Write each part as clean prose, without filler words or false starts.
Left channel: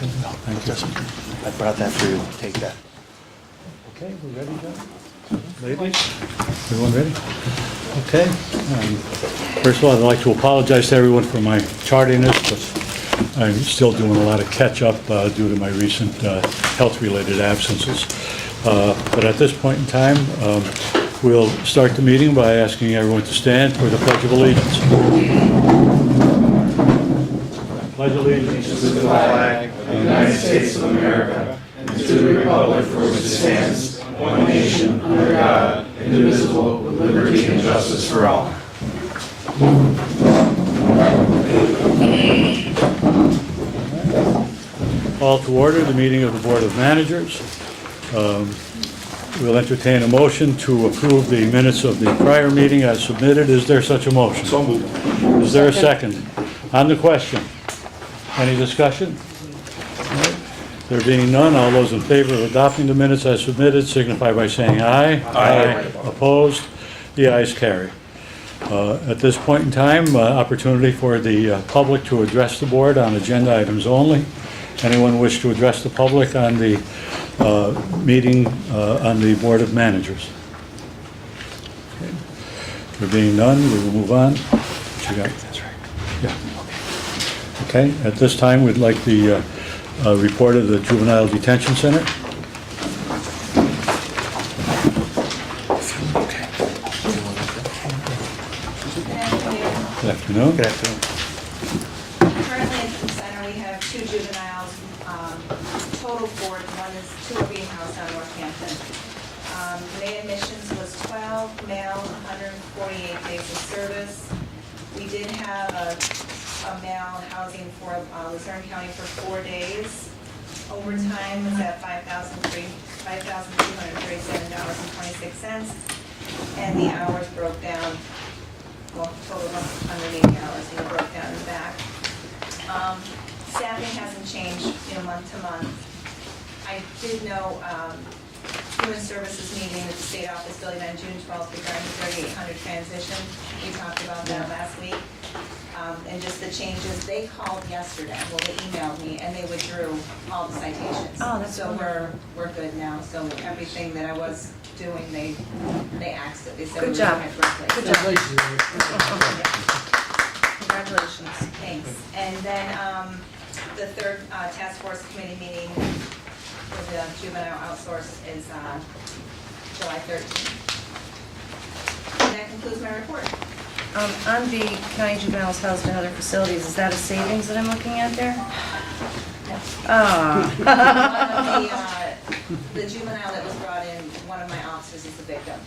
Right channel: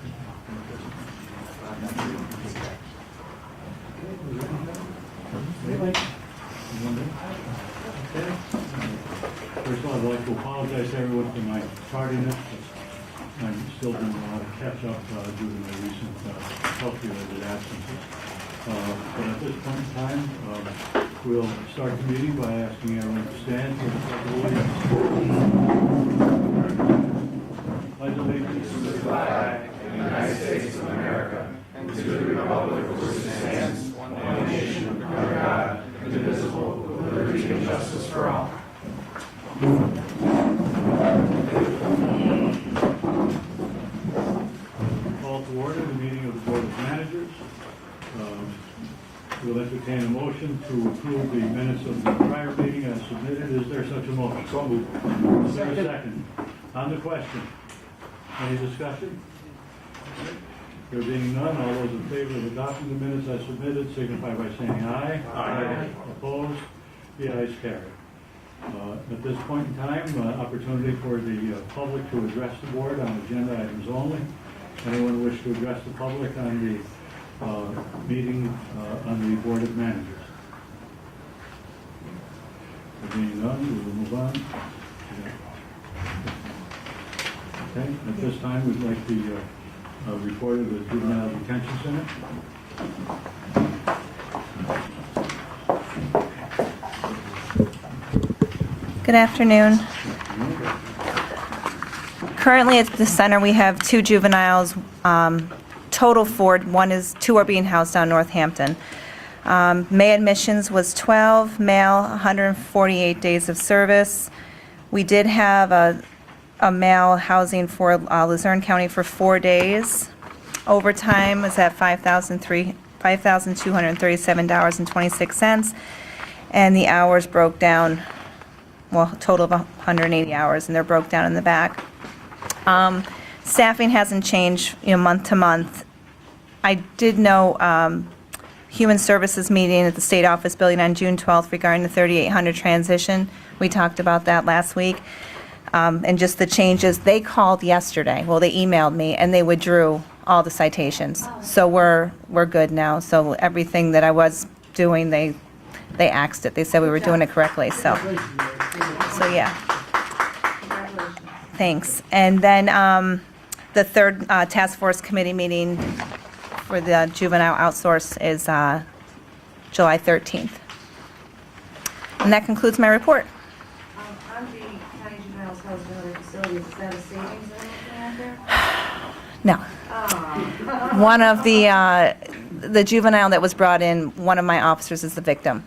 Thank you. I brought that for you. Take that. Okay, we ready now? Ready? Everyone ready? Okay. First of all, I'd like to apologize to everyone for my tardiness, but I'm still doing a lot of catch-up due to my recent health-related absences. But at this point in time, we'll start the meeting by asking everyone to stand for the Pledge of Allegiance. Pledge allegiance To the flag of the United States of America and to the republic for which it stands, one nation, under God, indivisible, with liberty and justice for all. Call to order the meeting of the Board of Managers. We'll entertain a motion to approve the minutes of the prior meeting as submitted. Is there such a motion? So moved. Is there a second? On the question, any discussion? All right. There being none, all those in favor of adopting the minutes as submitted signify by saying aye. Aye. Opposed? The ayes carry. At this point in time, opportunity for the public to address the board on agenda items only. Anyone wish to address the public on the meeting on the Board of Managers? Okay. There being none, we will move on. What you got? That's right. Yeah. Okay, at this time, we'd like the report of the Juvenile Detention Center. Good afternoon. Good afternoon. Good afternoon. Currently at the center, we have 2 juveniles, total 4. Two are being housed down Northampton. May admissions was 12, male 148 days of service. We did have a male housing for Luzerne County for 4 days. Overtime was at $5,237.26, and the hours broke down, well, total of 180 hours, and they're broke down in the back. Staffing hasn't changed, month to month. I did know Human Services meeting at the State Office Building on June 12th regarding the 3800 transition. We talked about that last week. And just the changes. They called yesterday. Well, they emailed me, and they withdrew all the citations. So we're good now. So everything that I was doing, they axed it. They said we were doing it correctly. So yeah. Congratulations. Thanks. And then the third task force committee meeting for the juvenile outsource is July 13th. And that concludes my report. On the county juveniles housed in other facilities, is that a savings that I'm looking at there? No. One of the juvenile that was brought in, one of my officers is the victim.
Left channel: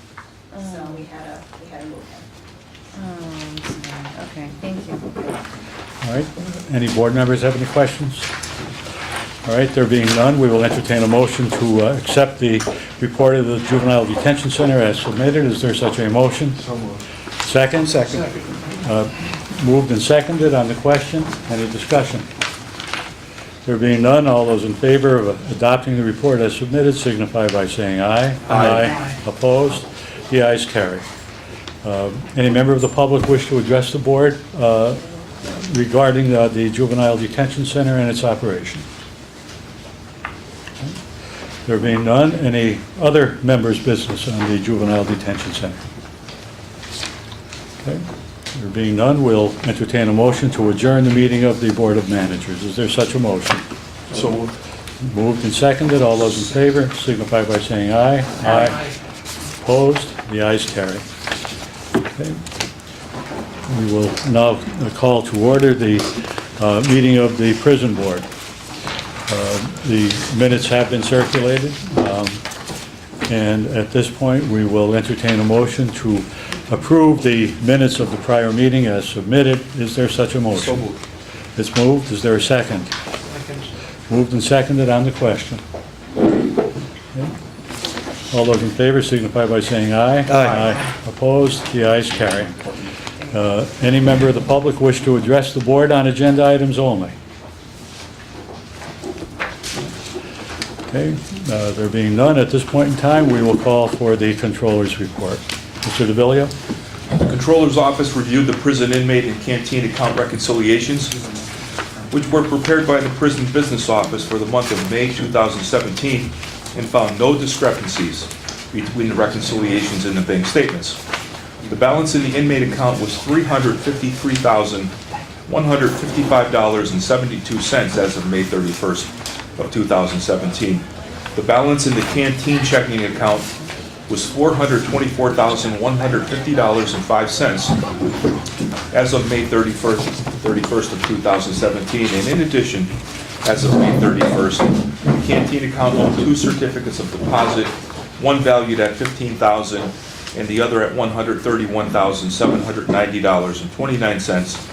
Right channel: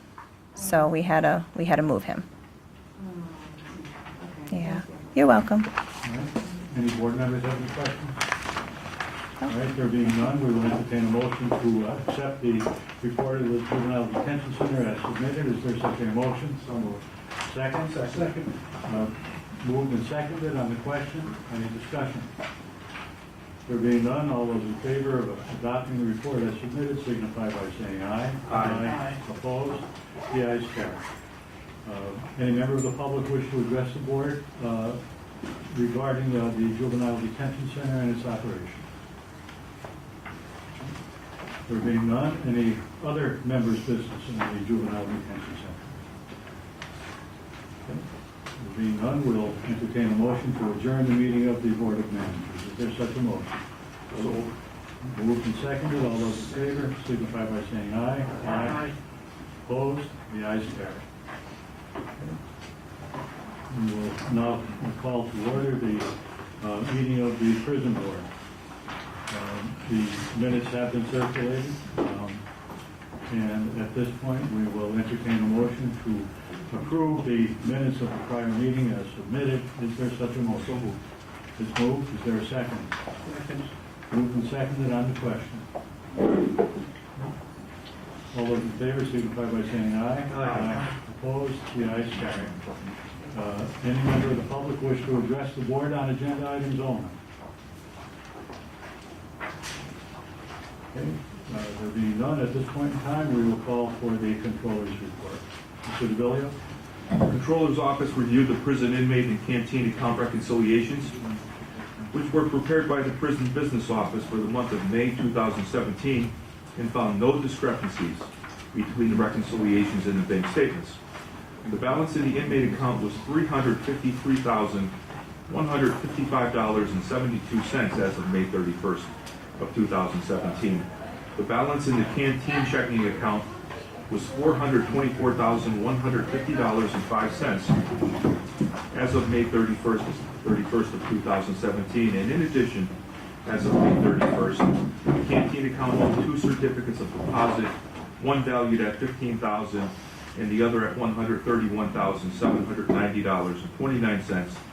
So we had to move him. Okay, Yeah. thank you. You're welcome. All right. Any board members have any questions? All right. There being none, we will entertain a motion to accept the report of the Juvenile Detention Center as submitted. Is there such a motion? So moved. Second? Second. Moved and seconded on the question. Any discussion? There being none, all those in favor of adopting the report as submitted signify by saying aye. Aye. Opposed? The ayes carry. Any member of the public wish to address the board regarding the Juvenile Detention Center and its operation? There being none, any other members' business on the Juvenile Detention Center? Okay. There being none, we'll entertain a motion to adjourn the meeting of the Board of Managers. Is there such a motion? So moved. Moved and seconded. All those in favor signify by saying aye. Aye. Opposed? The ayes carry. Okay. We will now call to order the meeting of the Prison Board. The minutes have been circulated, and at this point, we will entertain a motion to approve the minutes of the prior meeting as submitted. Is there such a motion? So moved. It's moved. Is there a second? Moved and seconded on the question. Okay. All those in favor signify by saying aye. Aye. Opposed? The ayes carry. Any member of the public wish to address the board on agenda items only? Okay. There being none, at this point in time, we will call for the controller's report. Mr. DeVillio? The Controller's Office reviewed the prison inmate and canteen account reconciliations. which were prepared by the Prison Business Office for the month of May 2017 and found no discrepancies between the reconciliations and the bank statements. The balance in the inmate account was $353,155.72 as of May 31st of 2017. The balance in the canteen checking account was $424,150.05 as of May 31st of 2017. And in addition, as of May 31st, the canteen account owned 2 certificates of deposit, one valued at $15,000 and the other at $131,790.29,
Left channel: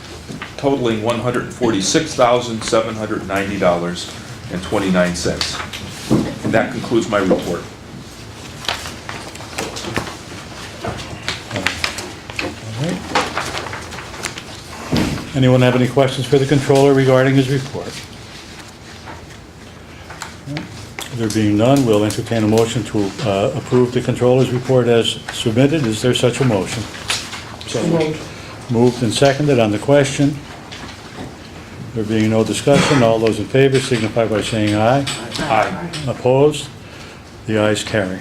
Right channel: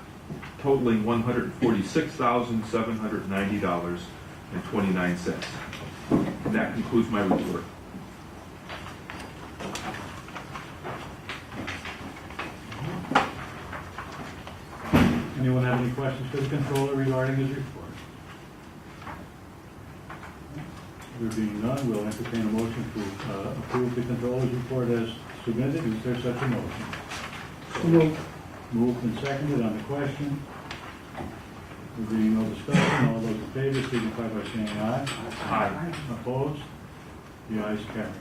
totaling $146,790.29. And that concludes my report. Anyone have any questions for the controller regarding his report? There being none, we'll entertain a motion to approve the controller's report as submitted. Is there such a motion? So moved. Moved and seconded on the question. There being no discussion, all those in favor signify by saying aye. Aye. Opposed? The ayes carry.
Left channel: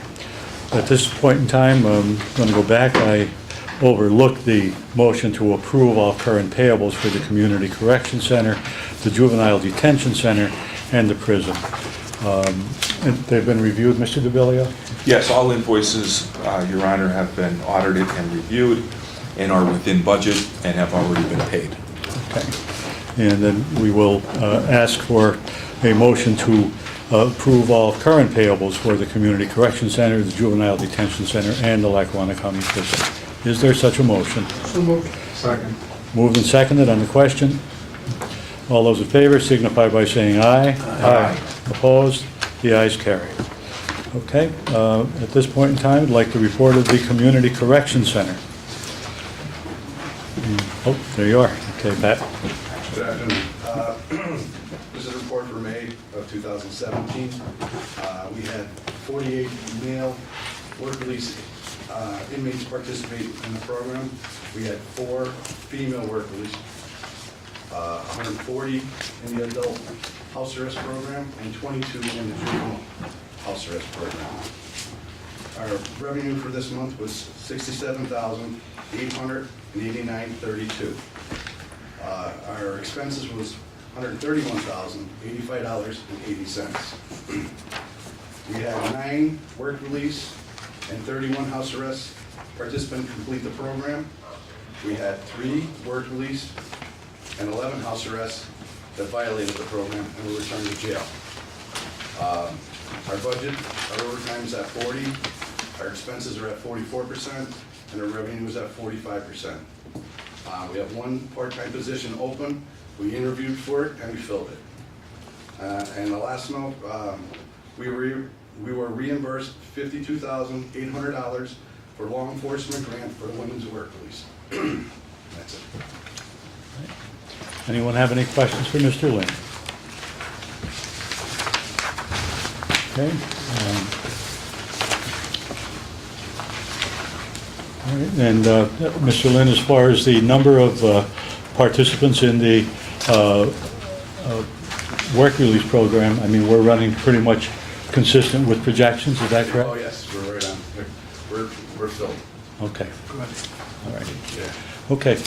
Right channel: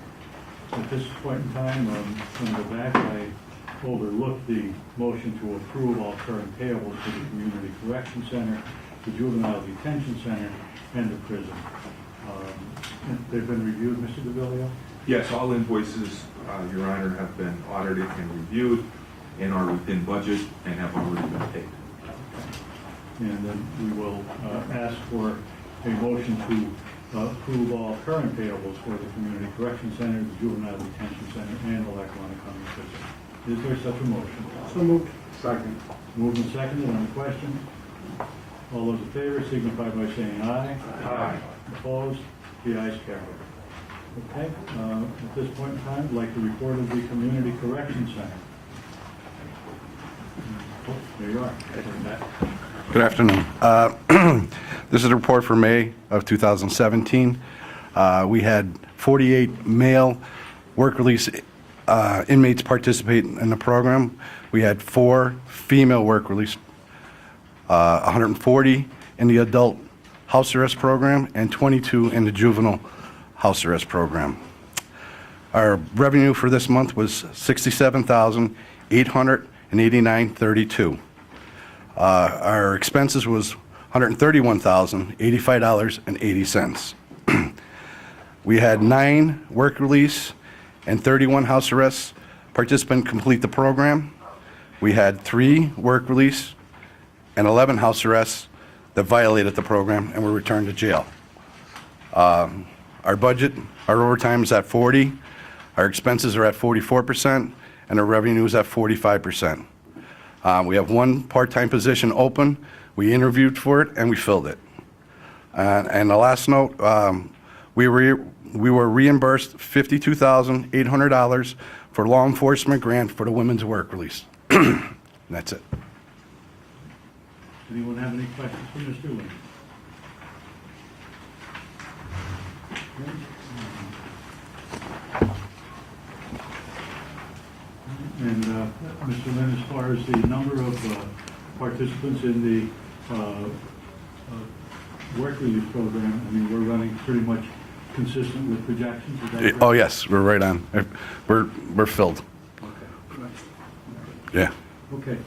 At this point in time, I'm going to go back. I overlooked the motion to approve all current payables for the Community Correction Center, the Juvenile Detention Center, and the prison. And they've been reviewed, Mr. DeVillio? Yes, all invoices, Your Honor, have been audited and reviewed and are within budget and have already been paid. Okay. And then we will ask for a motion to approve all current payables for the Community Correction Center, the Juvenile Detention Center, and the Lackawanna County Prison. Is there such a motion? So moved. Second. Moved and seconded on the question. All those in favor signify by saying aye. Aye. Opposed? The ayes carry. Okay, at this point in time, I'd like the report of the Community Correction Center. Oh, there you are. Okay, Pat. Good afternoon. This is a report for May of 2017. We had 48 male work release inmates participate in the program. We had 4 female work release, 140 in the adult house arrest program and 22 in the juvenile house arrest program. Our revenue for this month was $67,889.32. Our expenses was $131,085.80. We had 9 work release and 31 house arrests participants complete the program. We had 3 work release and 11 house arrests that violated the program and were returned to jail. Our budget, our overtime is at 40, our expenses are at 44%, and our revenue is at 45%. We have 1 part-time position open. We interviewed for it and we filled it. And the last note, we were reimbursed $52,800 for law enforcement grant for the women's work release. And that's it. Anyone have any questions for Mr. Lynn? Okay. All right, and Mr. Lynn, as far as the number of participants in the work release program, I mean, we're running pretty much consistent with projections, is that correct? Oh, yes, we're right on. We're filled. Okay. All right. Yeah. Okay,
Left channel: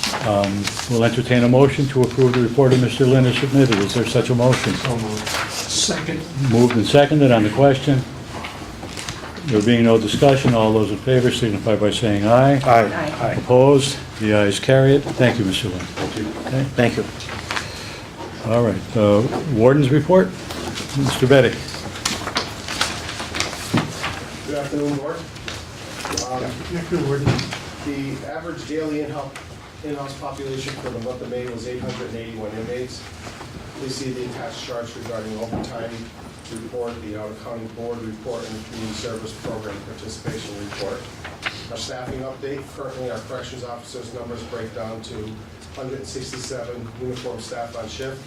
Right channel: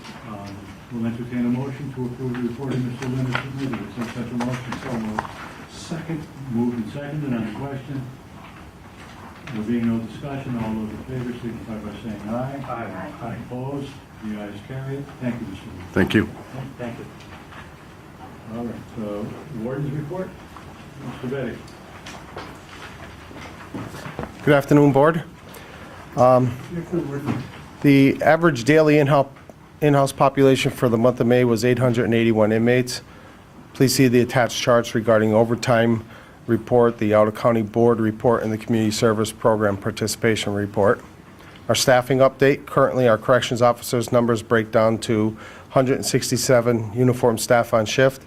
we'll entertain a motion to approve the report of Mr. Lynn as submitted. Is there such a motion? So moved. Second. Moved and seconded on the question. There being no discussion, all those in favor signify by saying aye. Aye. Opposed? The ayes carry it. Thank you, Mr. Lynn. Thank you. Okay, Thank you. all right. Warden's report, Mr. Betty. Good afternoon, Board. The average daily in-house population for the month of May was 881 inmates. Please see the attached charts regarding overtime report, the out-of-county board report, and the community service program participation report. Our staffing update, currently our corrections officers' numbers break down to 167 uniformed staff on shift,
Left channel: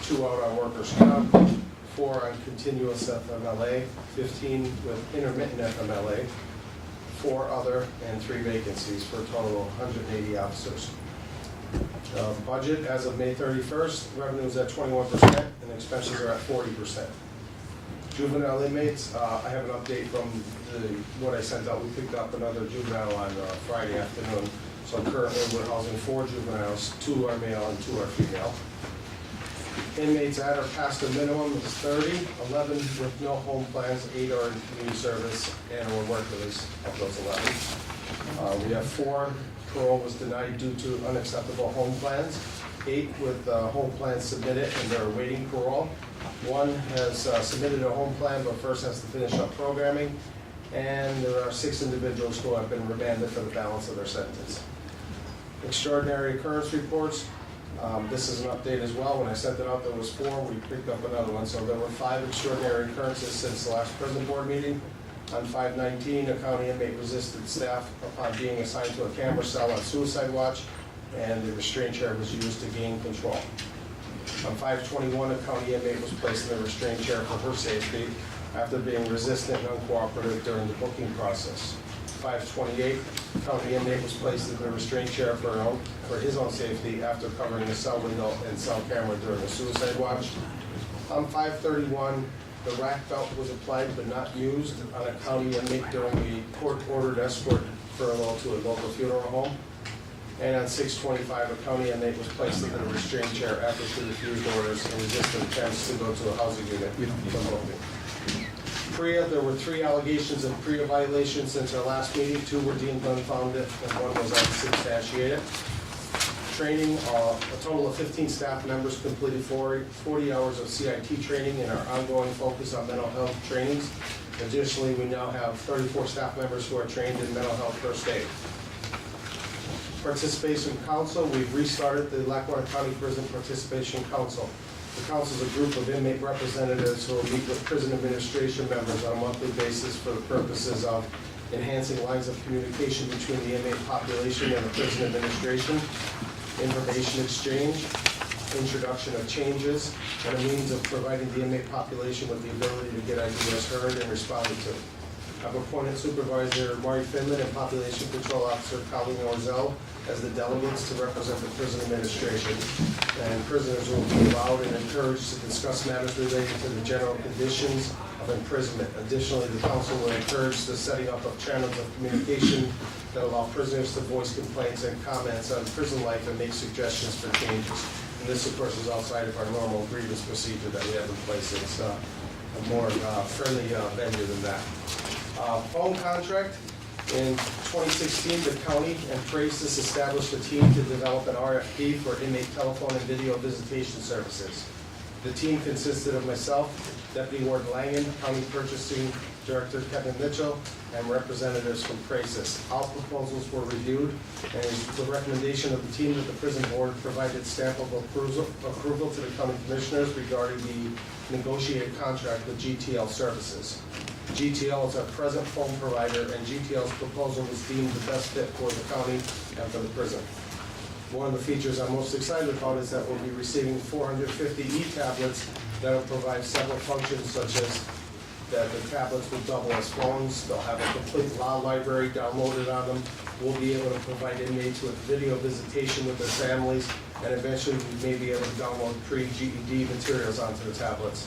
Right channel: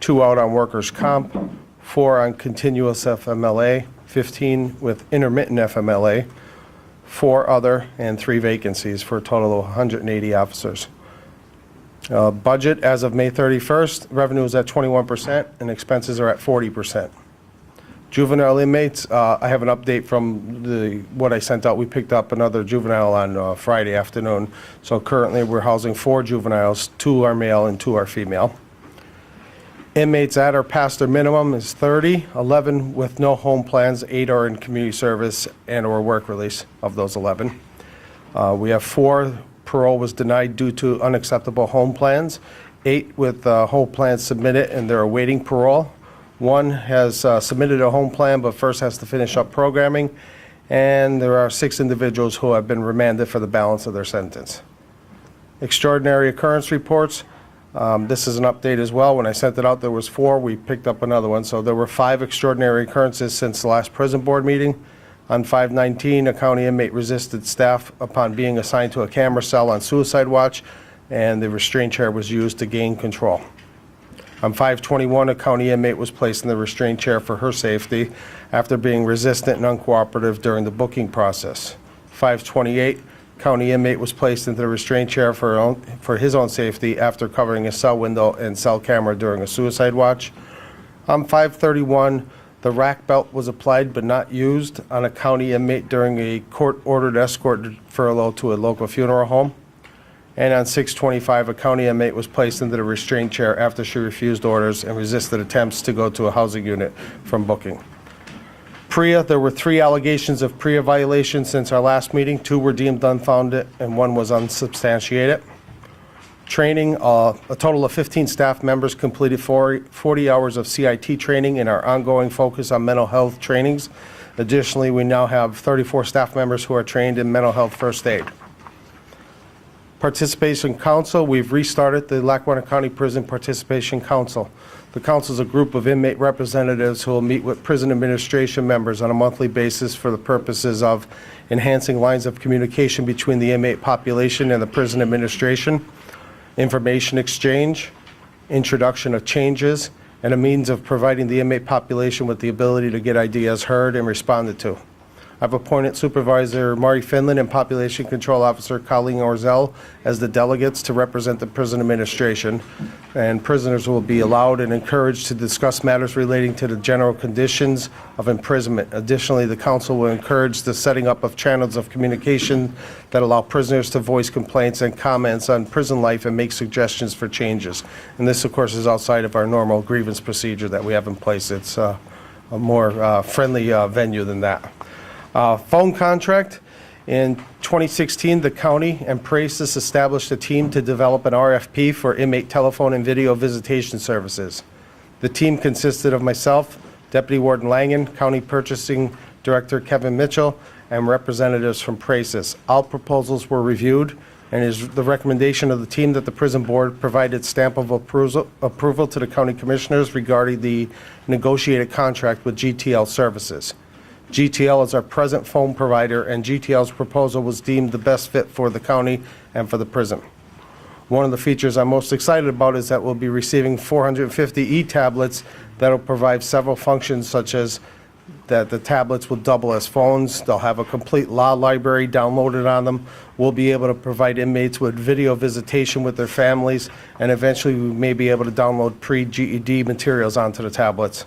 2 out on workers' comp, 4 on continuous FMLA, 15 with intermittent FMLA, 4 other, and 3 vacancies for a total of 180 officers. Budget as of May 31st, revenue is at 21% and expenses are at 40%. Juvenile inmates, I have an update from what I sent out. We picked up another juvenile on Friday afternoon. So currently we're housing 4 juveniles, 2 are male and 2 are female. Inmates at or past their minimum is 30, 11 with no home plans, 8 are in community service and or work release of those 11. We have 4 parole was denied due to unacceptable home plans, 8 with home plans submitted and they're awaiting parole. 1 has submitted a home plan but first has to finish up programming, and there are 6 individuals who have been remanded for the balance of their sentence. Extraordinary occurrence reports. This is an update as well. When I sent it out, there was 4. We picked up another one. So there were 5 extraordinary occurrences since the last prison board meeting. On 5/19, a county inmate resisted staff upon being assigned to a camera cell on suicide watch, and the restraint chair was used to gain control. On 5/21, a county inmate was placed in the restraint chair for her safety after being resistant and uncooperative during the booking process. 5/28, county inmate was placed into the restraint chair for his own safety after covering a cell window and cell camera during a suicide watch. On 5/31, the rack belt was applied but not used on a county inmate during a court-ordered escort furlough to a local funeral home. And on 6/25, a county inmate was placed into the restraint chair after she refused orders and resisted attempts to go to a housing unit from booking. PREA, there were 3 allegations of PREA violations since our last meeting. 2 were deemed unfounded and 1 was unsubstantiated. Training, a total of 15 staff members completed 40 hours of CIT training in our ongoing focus on mental health trainings. Additionally, we now have 34 staff members who are trained in mental health first aid. Participation Council, we've restarted the Lackawanna County Prison Participation Council. The council is a group of inmate representatives who will meet with prison administration members on a monthly basis for the purposes of enhancing lines of communication between the inmate population and the prison administration, information exchange, introduction of changes, and a means of providing the inmate population with the ability to get ideas heard and responded to. I've appointed Supervisor Marty Finland and Population Control Officer Colleen Orzel as the delegates to represent the prison administration, and prisoners will be allowed and encouraged to discuss matters relating to the general conditions of imprisonment. Additionally, the council will encourage the setting up of channels of communication that allow prisoners to voice complaints and comments on prison life and make suggestions for changes. And this, of course, is outside of our normal grievance procedure that we have in place. It's a more friendly venue than that. Phone contract. In 2016, the county and PRACIS established a team to develop an RFP for inmate telephone and video visitation services. The team consisted of myself, Deputy Warden Langen, County Purchasing Director Kevin Mitchell, and representatives from PRACIS. All proposals were reviewed, and it is the recommendation of the team that the prison board provide its stamp of approval to the county commissioners regarding the negotiated contract with GTL Services. GTL is our present phone provider, and GTL's proposal was deemed the best fit for the county and for the prison. One of the features I'm most excited about is that we'll be receiving 450 e-tablets that will provide several functions, such as that the tablets will double as phones. They'll have a complete law library downloaded on them. We'll be able to provide inmates with video visitation with their families, and eventually we may be able to download pre-GED materials onto the tablets.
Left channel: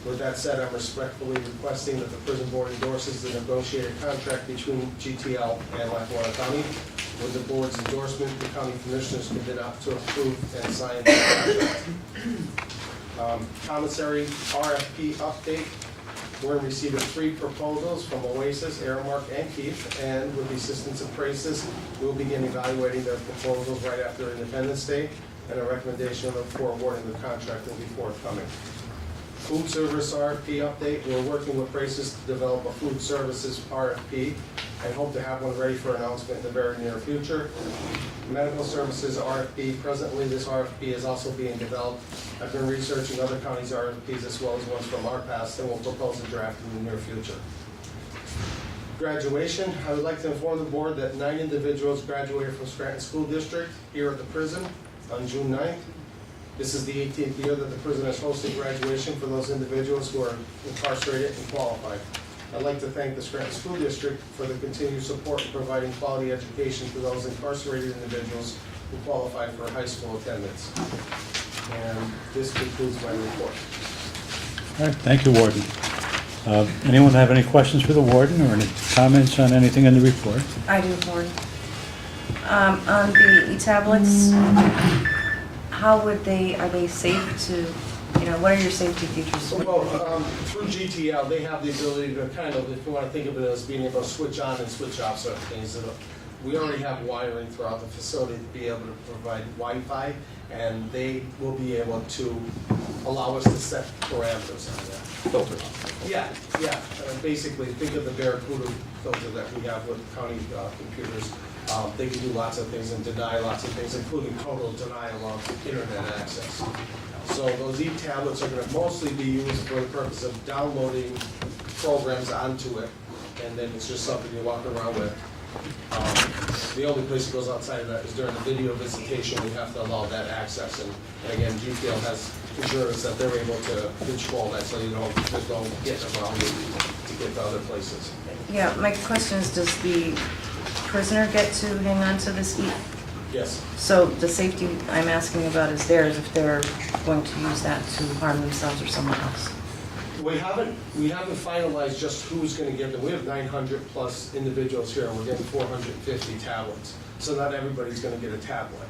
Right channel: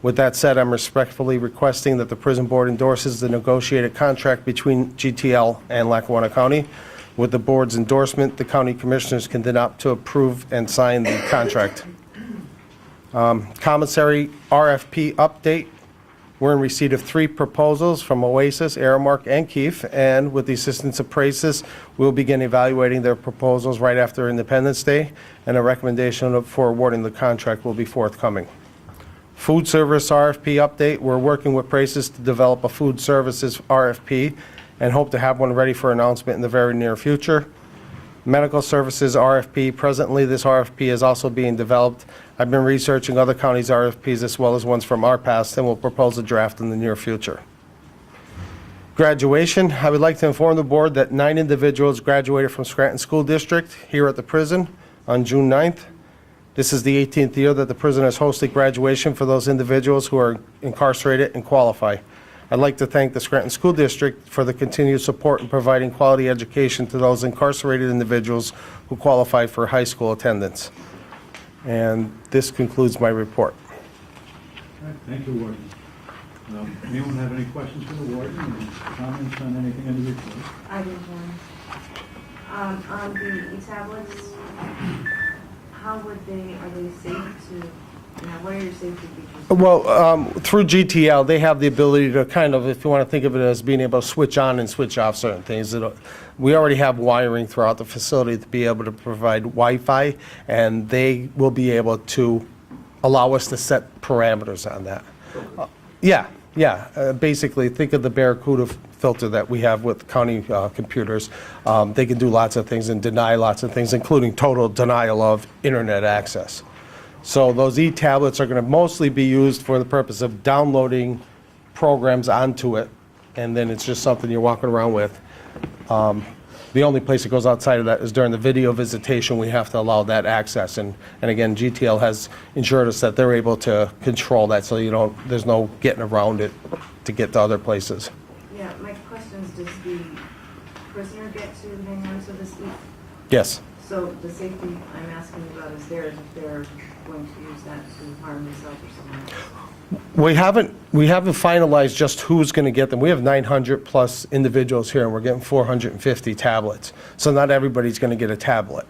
With that said, I'm respectfully requesting that the prison board endorses the negotiated contract between GTL and Lackawanna County. With the board's endorsement, the county commissioners can then opt to approve and sign the contract. Commissary RFP update. We're in receipt of 3 proposals from Oasis, Aramark, and Keefe, and with the assistance of PRACIS, we'll begin evaluating their proposals right after Independence Day, and a recommendation for awarding the contract will be forthcoming. Food service RFP update. We're working with PRACIS to develop a food services RFP and hope to have one ready for announcement in the very near future. Medical services RFP. Presently, this RFP is also being developed. I've been researching other counties' RFPs as well as ones from our past, and will propose a draft in the near future. Graduation. I would like to inform the board that 9 individuals graduated from Scranton School District here at the prison on June 9th. This is the 18th year that the prison has hosted graduation for those individuals who are incarcerated and qualify. I'd like to thank the Scranton School District for the continued support in providing quality education to those incarcerated individuals who qualify for high school attendance. And this concludes my report. All right, thank you, Warden. Anyone have any questions for the Warden or any comments on anything in the report? I do, Warren. On the e-tablets, how would are they safe to, what are your safety features? Well, through GTL, they have the ability to kind of, if you want to think of it as being able to switch on and switch off certain things. We already have wiring throughout the facility to be able to provide Wi-Fi, and they will be able to allow us to set parameters on that. Yeah. Basically, think of the Barracuda filter that we have with county computers. They can do lots of things and deny lots of things, including total denial of internet access. So those e-tablets are going to mostly be used for the purpose of downloading programs onto it, and then it's just something you're walking around with. The only place it goes outside of that is during the video visitation. We have to allow that access, and again, GTL has ensured us that they're able to control that, so there's no getting around it to get to other places. Yeah, my question is, does the prisoner get to hang on to this Yes. So the safety I'm asking about is theirs if they're going to use that to harm themselves or someone else. We haven't finalized just who's going to get them. We have 900 plus individuals here, and we're getting 450 tablets. So not everybody's going to get a tablet.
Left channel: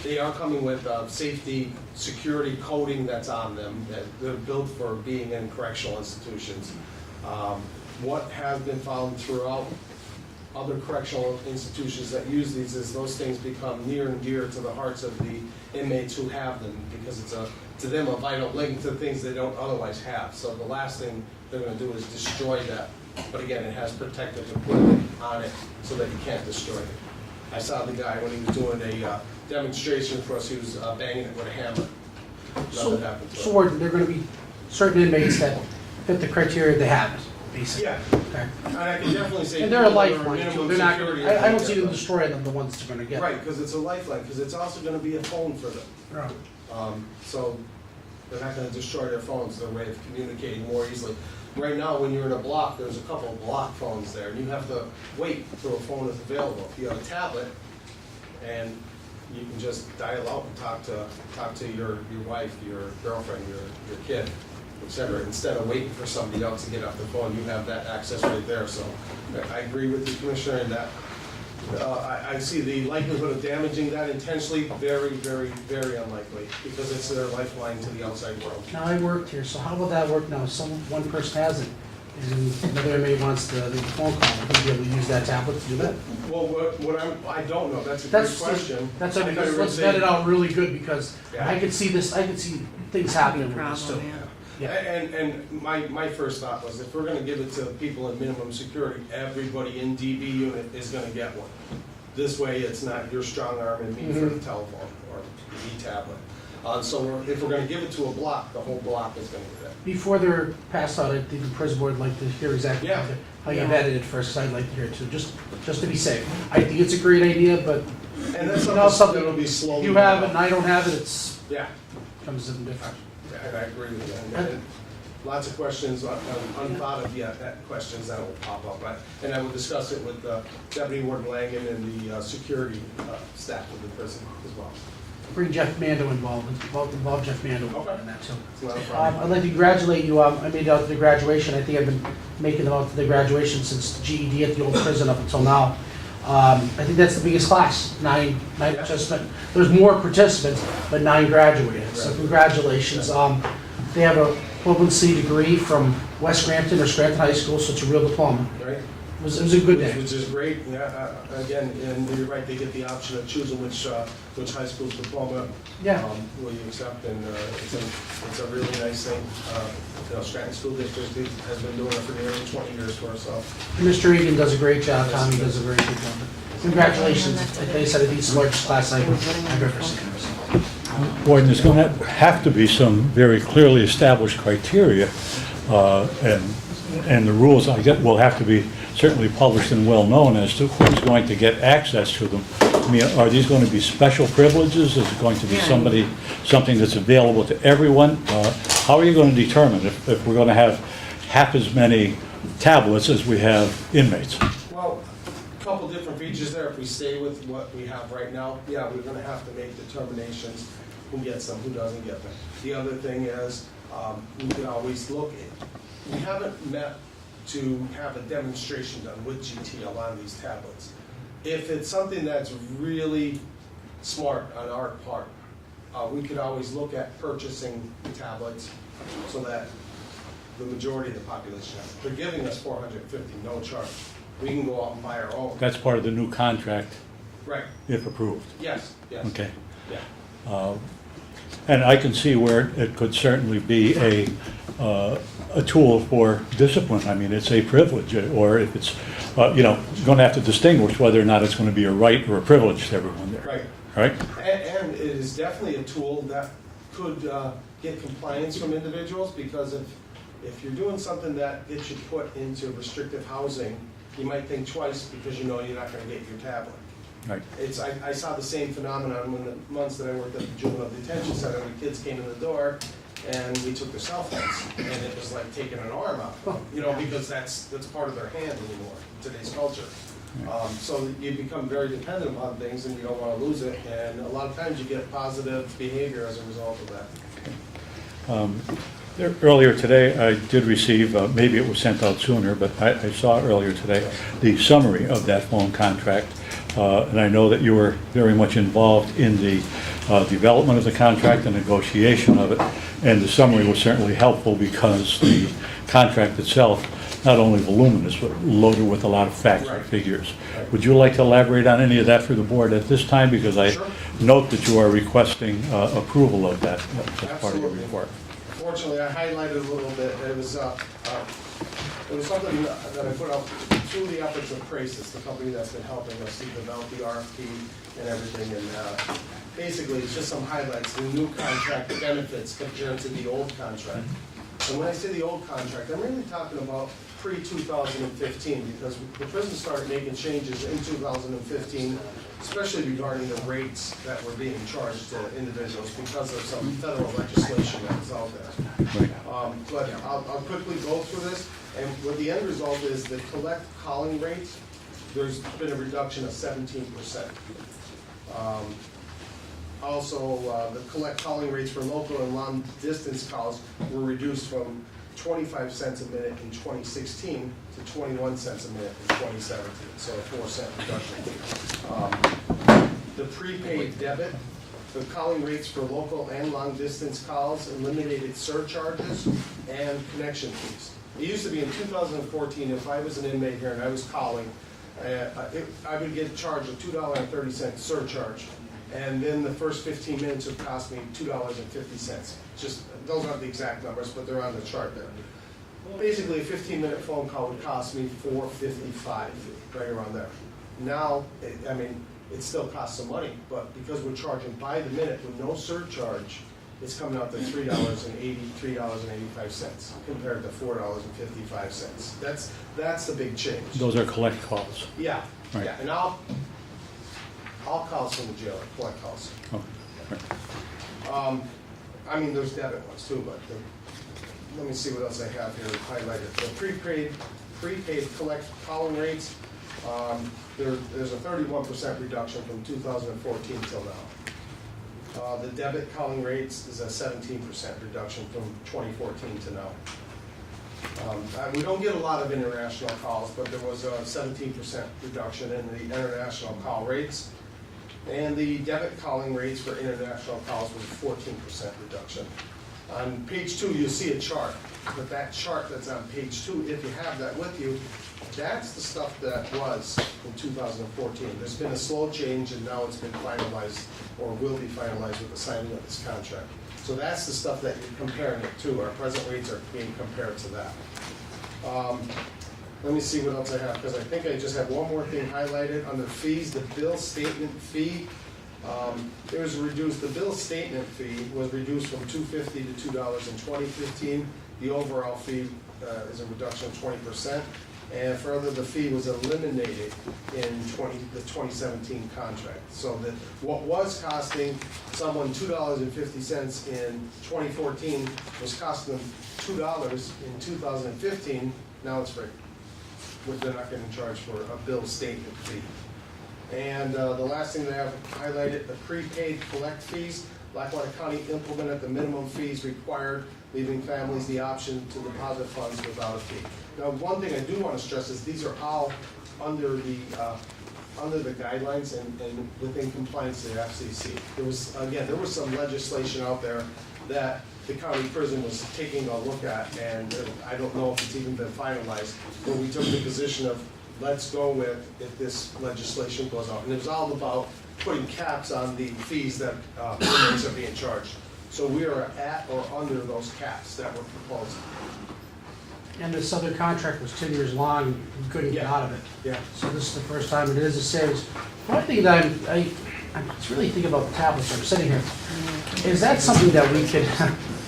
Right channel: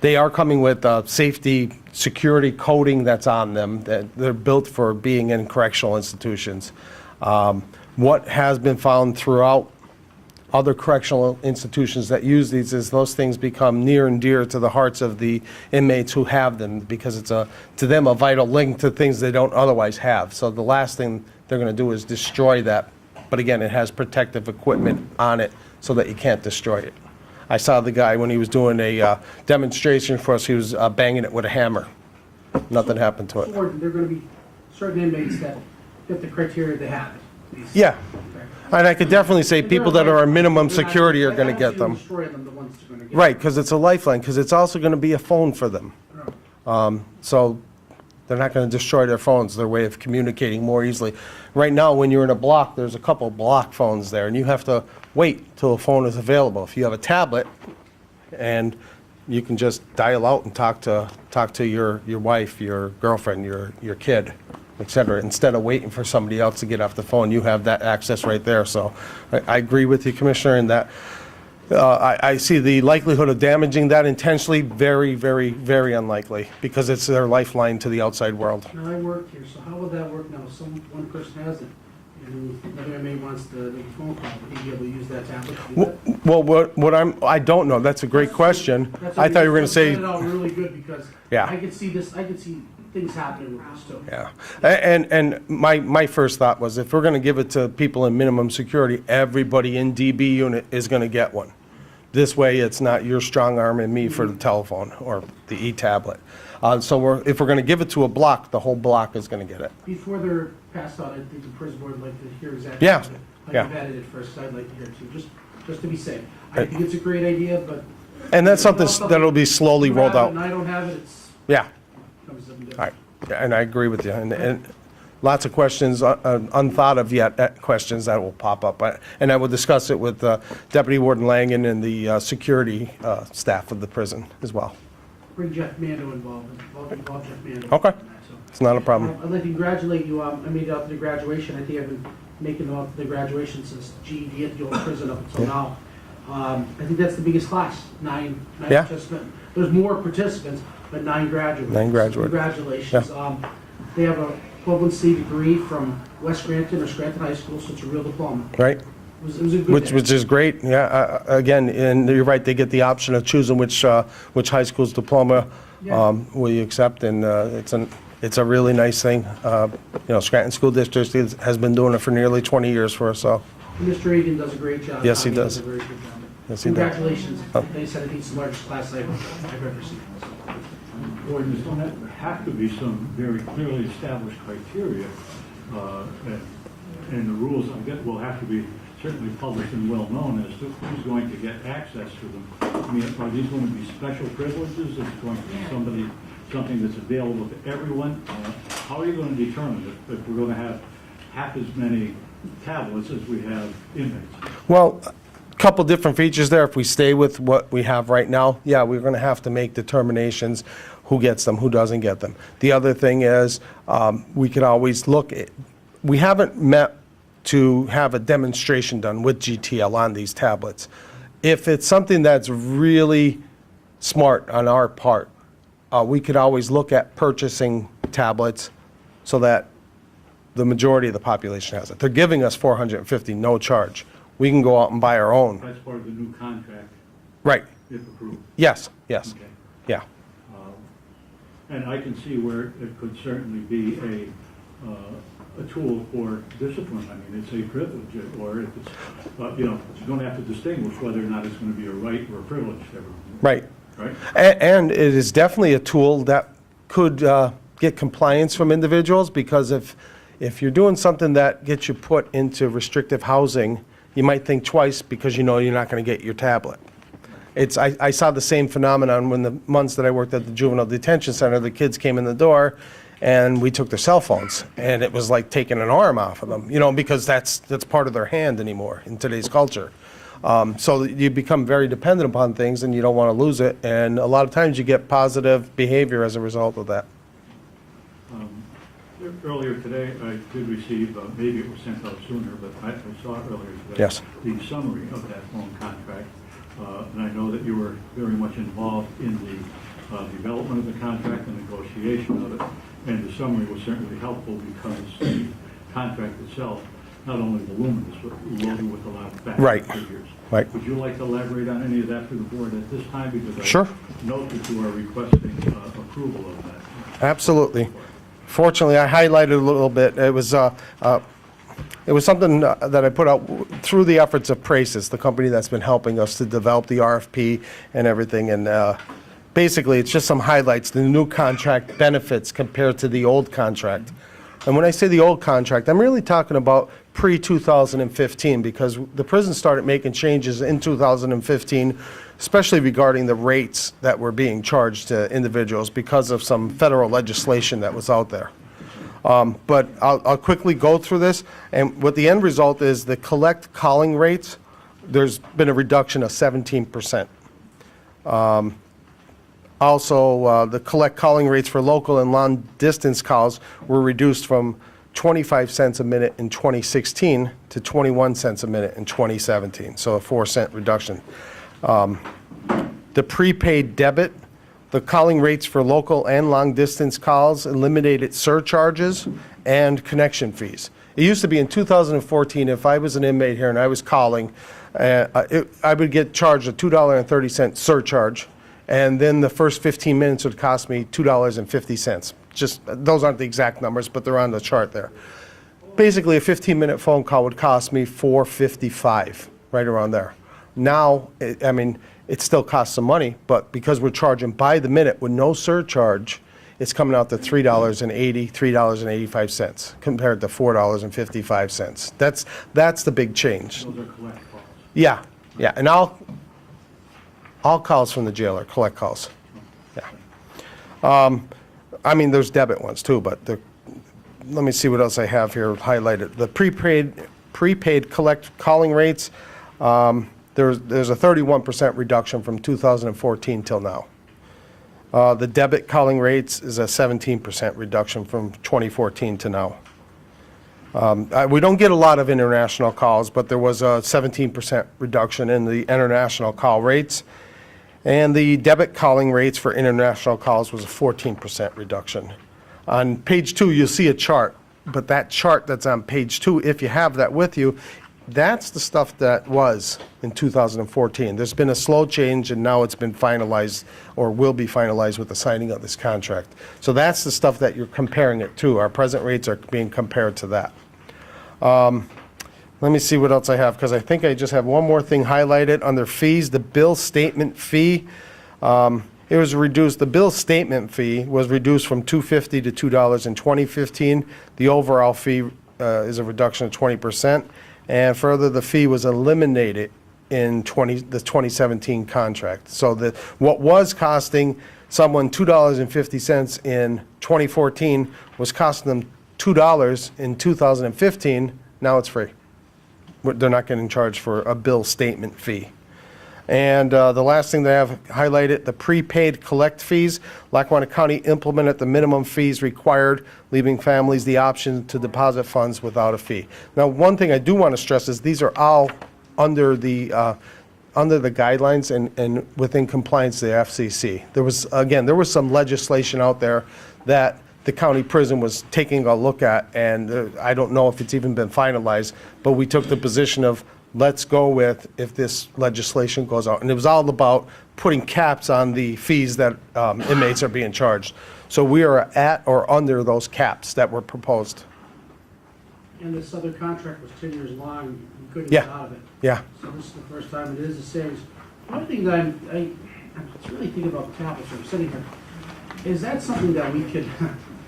They are coming with safety, security coding that's on them. They're built for being in correctional institutions. What has been found throughout other correctional institutions that use these is those things become near and dear to the hearts of the inmates who have them, because it's to them a vital link to things they don't otherwise have. So the last thing they're going to do is destroy that. But again, it has protective equipment on it so that you can't destroy it. I saw the guy when he was doing a demonstration for us, he was banging it with a hammer. Nothing happened to So, it. Warden, there are going to be certain inmates that fit the criteria to have it, basically. Yeah, Okay. and I could definitely say And they're people that are lifelines. minimum They're not- security are I going to don't get see them. destroy them, the ones that are going to get Right, because it's a lifeline, because it's also going to be a phone for them. Oh. So they're not going to destroy their phones, their way of communicating more easily. Right now, when you're in a block, there's a couple of block phones there, and you have to wait until a phone is available. If you have a tablet, and you can just dial out and talk to your wife, your girlfriend, your kid, et cetera. Instead of waiting for somebody else to get off the phone, you have that access right there. So I agree with you, Commissioner, in that I see the likelihood of damaging that intentionally very, very, very unlikely, because it's their lifeline to the outside world. Now, I worked here, so how will that work now? One person has it, and another inmate wants to make a phone call, will he be able to use that tablet to do that? Well, I don't know. That's a great That's- question. that's I thought you were going to Get say, it out really good, because Yeah. I can see things happening with this too. yeah. And my first thought was, if we're going to give it to people in minimum security, everybody in DB unit is going to get one. This way, it's not your strong arm and me for the telephone or the e-tablet. So if we're going to give it to a block, the whole block is going to get it. Before they're passed out, I think the prison board would like to hear exactly Yeah, how yeah. you vetted it first, 'cause I'd like to hear it too, just to be safe. I think it's a great idea, but. And that's You know, something that'll be slowly you rolled have it and out. I don't have it, it's, Yeah, comes to something all right. different. Yeah, and I agree with you. And lots of questions, unthought of yet, questions that will pop up. And I will discuss it with Deputy Warden Langen and the security staff of the prison as well. Bring Jeff Mando involved Jeff Mando. Okay. in that, too. It's not a problem. I'd like to congratulate you, I made it out to the graduation, I think I've been making them out to the graduation since GED at the old prison up until now. I think that's the biggest class, nine Yeah. participants. There's more participants, but 9 graduated. 9 graduated. So congratulations. They have a equivalency degree from West Scranton or Scranton High School, so it's a real diploma. Right? It was a good day. Which is great, yeah. Again, and you're right, they get the option of choosing which high school's diploma Yeah. will you accept, and it's a really nice thing. Scranton School District has been doing it for nearly 20 years for us, so. Mr. Egan does a great job. Yes, he Tom does. a very good job. Yes, he does. Congratulations. Like I said, I think it's the largest class I've ever seen. Warden, there's going to have to be some very clearly established criteria, and the rules, I guess, will have to be certainly published and well-known as to who's going to get access to them. I mean, are these going to be special privileges? Is it going to be something that's available to everyone? How are you going to determine if we're going to have half as many tablets as we have inmates? Well, couple different features there. If we stay with what we have right now, yeah, we're going to have to make determinations who gets them, who doesn't get them. The other thing is, we could always look at, we haven't met to have a demonstration done with GTL on these tablets. If it's something that's really smart on our part, we could always look at purchasing tablets so that the majority of the population has it. They're giving us 450, no charge. We can go out and buy our own. That's part of the new contract, Right, if approved. yes, yes. Okay. Yeah, And I can see where it could certainly be a tool for discipline. I mean, it's a privilege, or if it's, you know, you're going to have to distinguish whether or not it's going to be a right or a privilege to everyone there. right. Right? And it is definitely a tool that could get compliance from individuals, because if you're doing something that gets you put into restrictive housing, you might think twice because you know you're not going to get your tablet. Right. I saw the same phenomenon when the months that I worked at the juvenile detention center. The kids came in the door and we took their cell phones, and it was like taking an arm off of them, you know, because that's part of their hand anymore in today's culture. So you become very dependent upon things and you don't want to lose it, and a lot of times you get positive behavior as a result of that. Earlier today, I did receive, maybe it was sent out sooner, but I saw earlier today, Yes. the summary of that phone contract. And I know that you were very much involved in the development of the contract and negotiation of it. And the summary was certainly helpful because the contract itself, not only voluminous, but loaded with a lot of facts Right. and figures. Right. Would you like to elaborate on any of that for the board at this time? Because I Sure. note that you are requesting approval of that. Absolutely. Fortunately, I highlighted a little bit. It was something that I put out through the efforts of Praces, the company that's been helping us to develop the RFP and everything. And basically, it's just some highlights, the new contract benefits compared to the old contract. And when I say the old contract, I'm really talking about pre-2015, because the prison started making changes in 2015, especially regarding the rates that were being charged to individuals because of some federal legislation that was out there. But I'll quickly go through this, and what the end result is, the collect calling rates, there's been a reduction of 17%. Also, the collect calling rates for local and long-distance calls were reduced from 25 cents a minute in 2016 to 21 cents a minute in 2017, so a 4-cent reduction. The prepaid debit, the calling rates for local and long-distance calls eliminated surcharges and connection fees. It used to be in 2014, if I was an inmate here and I was calling, I would get charged a $2.30 surcharge, and then the first 15 minutes would cost me $2.50. Just, those aren't the exact numbers, but they're on the chart there. Basically, a 15-minute phone call would cost me $4.55, right around there. Now, it still costs some money, but because we're charging by the minute with no surcharge, it's coming out to $3.80, $3.85 compared to $4.55. That's the big change. Those are collect calls. Yeah, yeah, and all calls from the jail are collect calls. Oh, Yeah. There's debit ones too, but let me see what else I have here highlighted. The prepaid collect calling rates, there's a 31% reduction from 2014 till now. The debit calling rates is a 17% reduction from 2014 to now. We don't get a lot of international calls, but there was a 17% reduction in the international call rates. And the debit calling rates for international calls was a 14% reduction. On page 2, you'll see a chart, but that chart that's on page 2, if you have that with you, that's the stuff that was in 2014. There's been a slow change, and now it's been finalized, or will be finalized with the signing of this contract. So that's the stuff that you're comparing it to. Our present rates are being compared to that. Let me see what else I have, because I think I just have one more thing highlighted under fees. The bill statement fee, it was reduced. The bill statement fee was reduced from $2.50 to $2 in 2015. The overall fee is a reduction of 20%. And further, the fee was eliminated in the 2017 contract. So that what was costing someone $2.50 in 2014 was costing them $2 in 2015. Now it's free. They're not getting charged for a bill statement fee. And the last thing that I have highlighted, the prepaid collect fees. Lackawanna County implemented the minimum fees required, leaving families the option to deposit funds without a fee. Now, one thing I do want to stress is these are all under the guidelines and within compliance to the FCC. There was some legislation out there that the county prison was taking a look at, and I don't know if it's even been finalized, but we took the position of, let's go with if this legislation goes out. And it was all about putting caps on the fees that inmates are being charged. So we are at or under those caps that were proposed. And this other contract was 10 years long, you couldn't get Yeah. out of it. Yeah. So this is the first time it is a savings. One thing that I'm really thinking about the tablets, I'm sitting here, is that something that we could,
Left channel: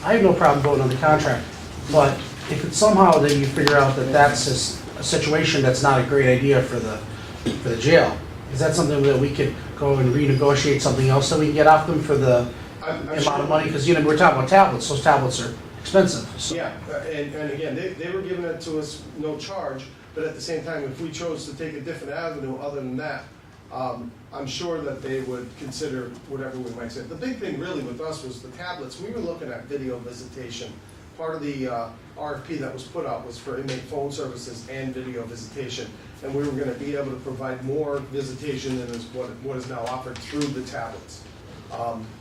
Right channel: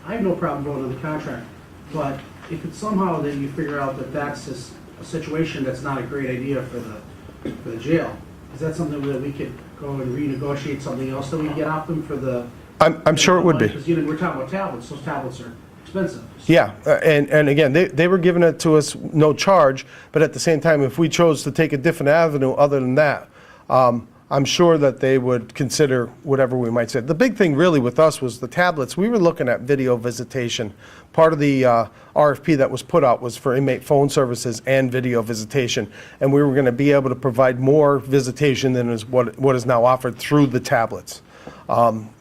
I have no problem voting on the contract, but if it's somehow that you figure out that that's just a situation that's not a great idea for the jail, is that something that we could go and renegotiate something else that we can get off them for the? I'm sure it would be. Because, we're talking about tablets, those tablets are expensive. So- Yeah, and again, they were giving it to us no charge, but at the same time, if we chose to take a different avenue other than that, I'm sure that they would consider whatever we might say. The big thing really with us was the tablets. We were looking at video visitation. Part of the RFP that was put out was for inmate phone services and video visitation, and we were going to be able to provide more visitation than is what is now offered through the tablets.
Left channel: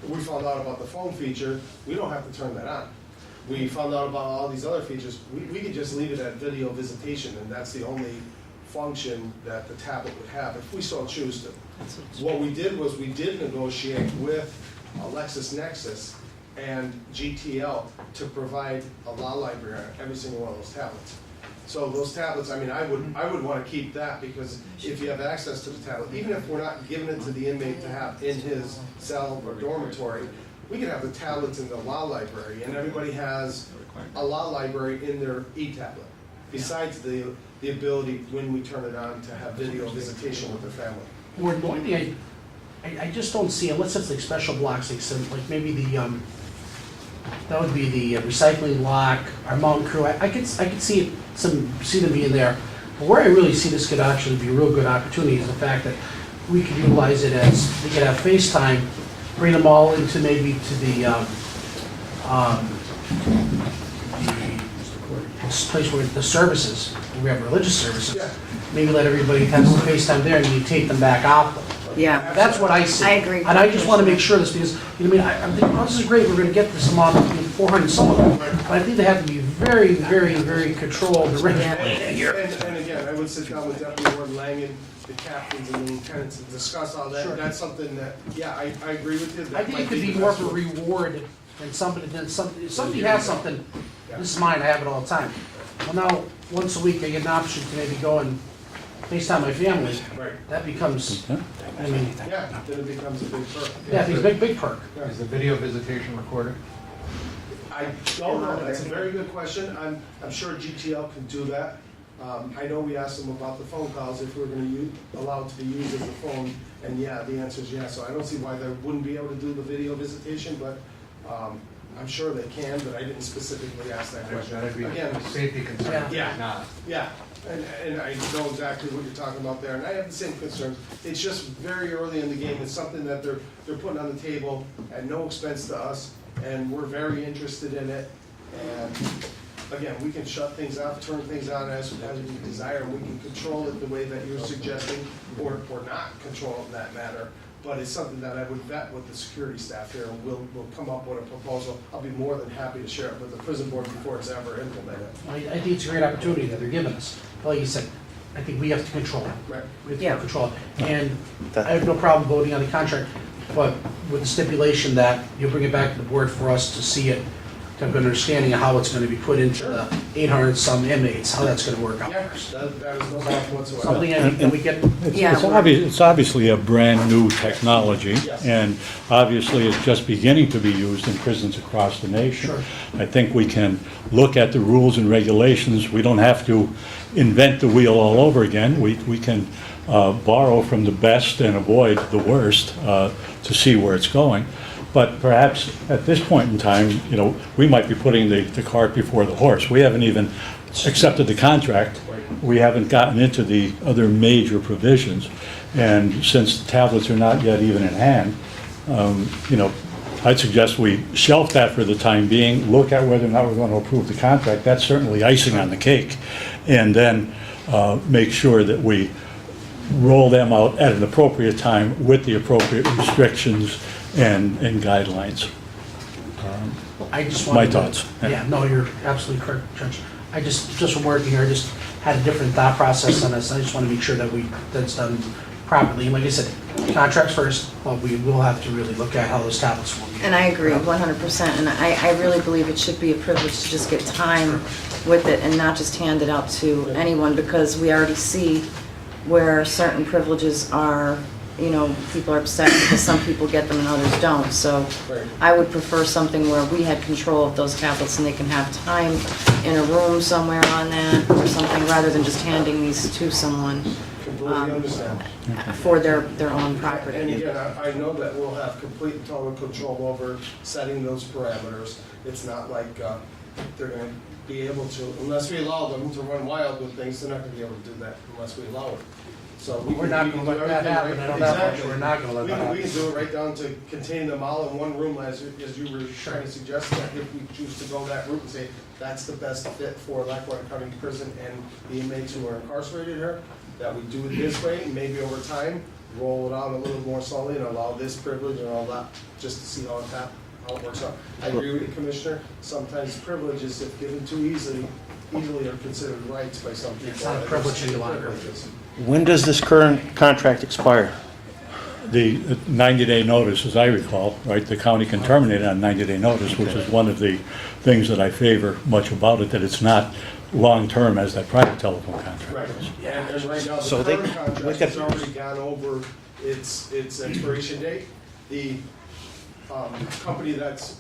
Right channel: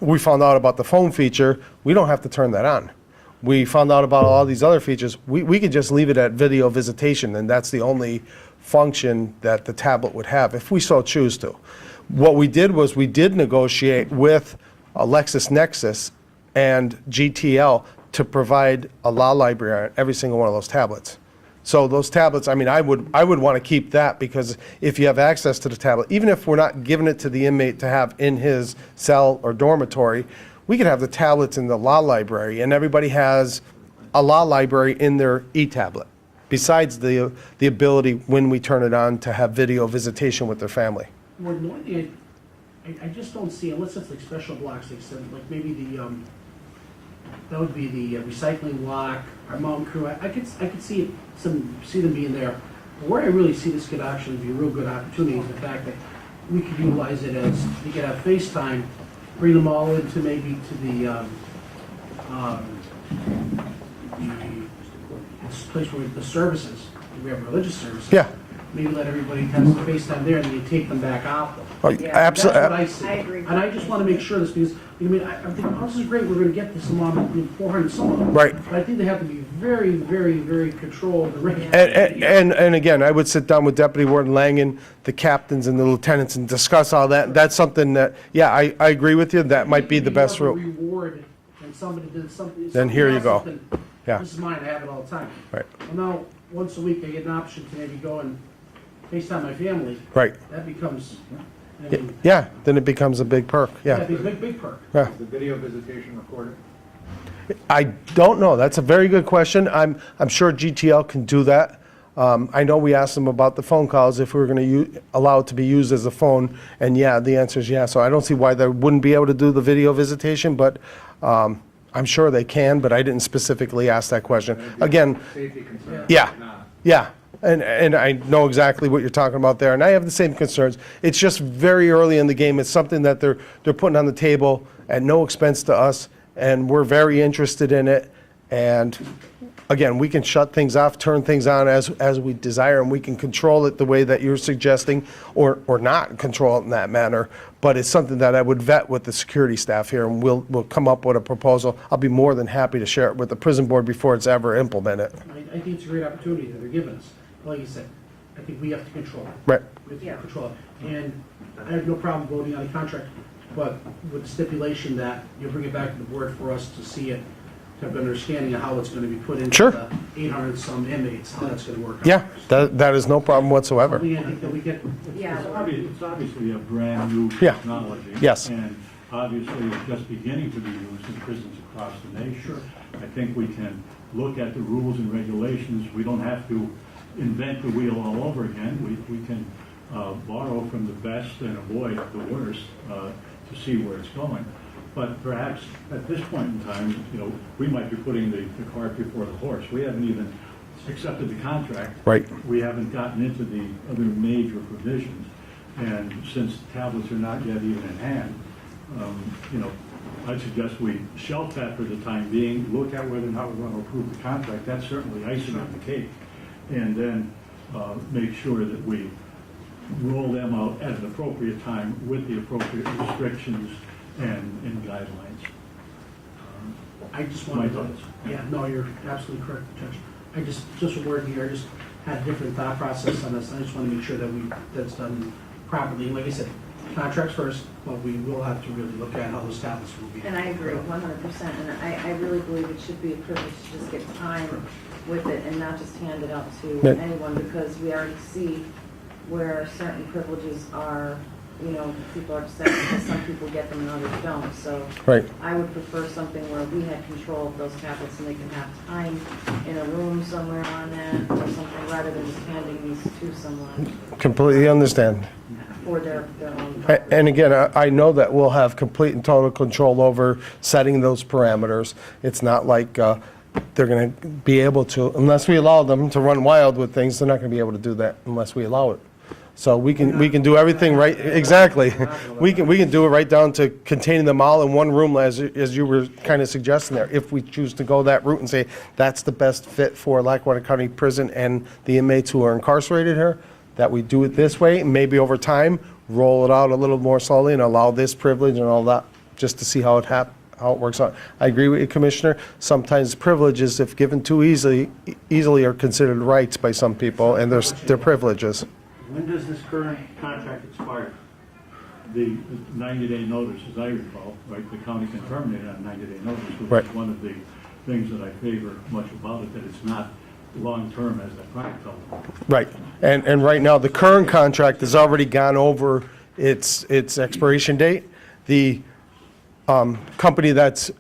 We found out about the phone feature. We don't have to turn that on. We found out about all these other features. We could just leave it at video visitation, and that's the only function that the tablet would have, if we so choose to. What we did was we did negotiate with LexisNexis and GTL to provide a law library on every single one of those tablets. So those tablets, I mean, I would want to keep that, because if you have access to the tablet, even if we're not giving it to the inmate to have in his cell or dormitory, we could have the tablets in the law library, and everybody has a law library in their e-tablet, besides the ability, when we turn it on, to have video visitation with their family. Ward, the only thing I just don't see, unless it's like special blocks, like maybe that would be the recycling block, our mountain crew, I could see them being there. But where I really see this could actually be a real good opportunity is the fact that we could utilize it as, we could have FaceTime, bring them all into maybe to the this place where the services, we have religious services. Yeah. Maybe let everybody have some FaceTime there and you take them back out though. Yeah. That's what I see. I agree. And I just want to make sure this, because, you know, I think, oh, this is great, we're going to get this amount, 400 some of them. Right. But I think they have to be very, very, very controlled. And again, I would sit down with Deputy Warden Langen, the captains and the lieutenants, and discuss all that. That's something that, yeah, I agree with you, that might be the best route. More of a reward than somebody, Then somebody here you has go. something, Yeah. this is mine, I have it all the time. Right. Well, now, once a week, I get an option to maybe go and FaceTime my family. Right. That becomes, I mean, Yeah, then it becomes a big perk, yeah, yeah. it's a big perk. Yeah. Is the video visitation recorded? I don't know, that's a very good question. I'm sure GTL can do that. I know we asked them about the phone calls, if we were going to allow it to be used as a phone, and yeah, the answer is yeah. So I don't see why they wouldn't be able to do the video visitation, but I'm sure they can, but I didn't specifically ask that question. Again, Safety concern. Yeah. Not. yeah, and I know exactly what you're talking about there, and I have the same concerns. It's just very early in the game. It's something that they're putting on the table at no expense to us, and we're very interested in it. And again, we can shut things off, turn things on as we desire, and we can control it the way that you're suggesting, or not control it in that manner. But it's something that I would vet with the security staff here, and we'll come up with a proposal. I'll be more than happy to share it with the prison board before it's ever implemented. I think it's a great opportunity that they're giving us. Like you said, I think we have to control it. Right. We have Yeah. to control it. And I have no problem voting on the contract, but with the stipulation that you'll bring it back to the board for us to see it, to have an understanding of how it's gonna be put into Sure. the 800 some inmates, how that's gonna work out. Yeah, that is no problem whatsoever. Something I think that we get, Yeah. It's obviously a brand-new technology. Yes. And obviously, it's just beginning to be used in prisons across the nation. Sure. I think we can look at the rules and regulations. We don't have to invent the wheel all over again. We can borrow from the best and avoid the worst to see where it's going. But perhaps at this point in time, you know, we might be putting the cart before the horse. We haven't even accepted the contract. Right. We haven't gotten into the other major provisions. And since the tablets are not yet even in hand, you know, I'd suggest we shelf that for the time being, look at whether or not we're going to approve the contract. That's certainly icing on the cake. And then make sure that we roll them out at an appropriate time with the appropriate restrictions and guidelines. I just My wanted to. thoughts. Yeah, no, you're absolutely correct, Judge. Just from working here, I just had a different thought process on this. I just want to make sure that that's done properly. And like I said, contracts first, but we will have to really look at how those tablets will be. And I agree 100%, and I really believe it should be a privilege to just get time with it and not just hand it out to Yeah. anyone, because we already see where certain privileges are, you know, people are upset because some people get them and others don't. So Right. I would prefer something where we had control of those tablets and they can have time in a room somewhere on that or something, rather than just handing these to someone Completely understand. for their own property. And again, I know that we'll have complete and total control over setting those parameters. It's not like they're going to be able to, unless we allow them to run wild with things, they're not going to be able to do that unless we allow it. So we can do everything right, exactly. We can do it right down to containing them all in one room, as you were kind of suggesting there, if we choose to go that route and say that's the best fit for Lackawanna County Prison and the inmates who are incarcerated here, that we do it this way, and maybe over time, roll it out a little more slowly and allow this privilege and all that, just to see how it works out. I agree with you, Commissioner. Sometimes privileges, if given too easily are considered rights by some people, and they're privileges. When does this current contract expire? The 90-day notice, as I recall, right, the county can terminate on 90-day notice, which Right. is one of the things that I favor much about it, that it's not long-term as that private telephone contract. Right, and right now, the So current they- contract has already gone over its expiration date. The company that's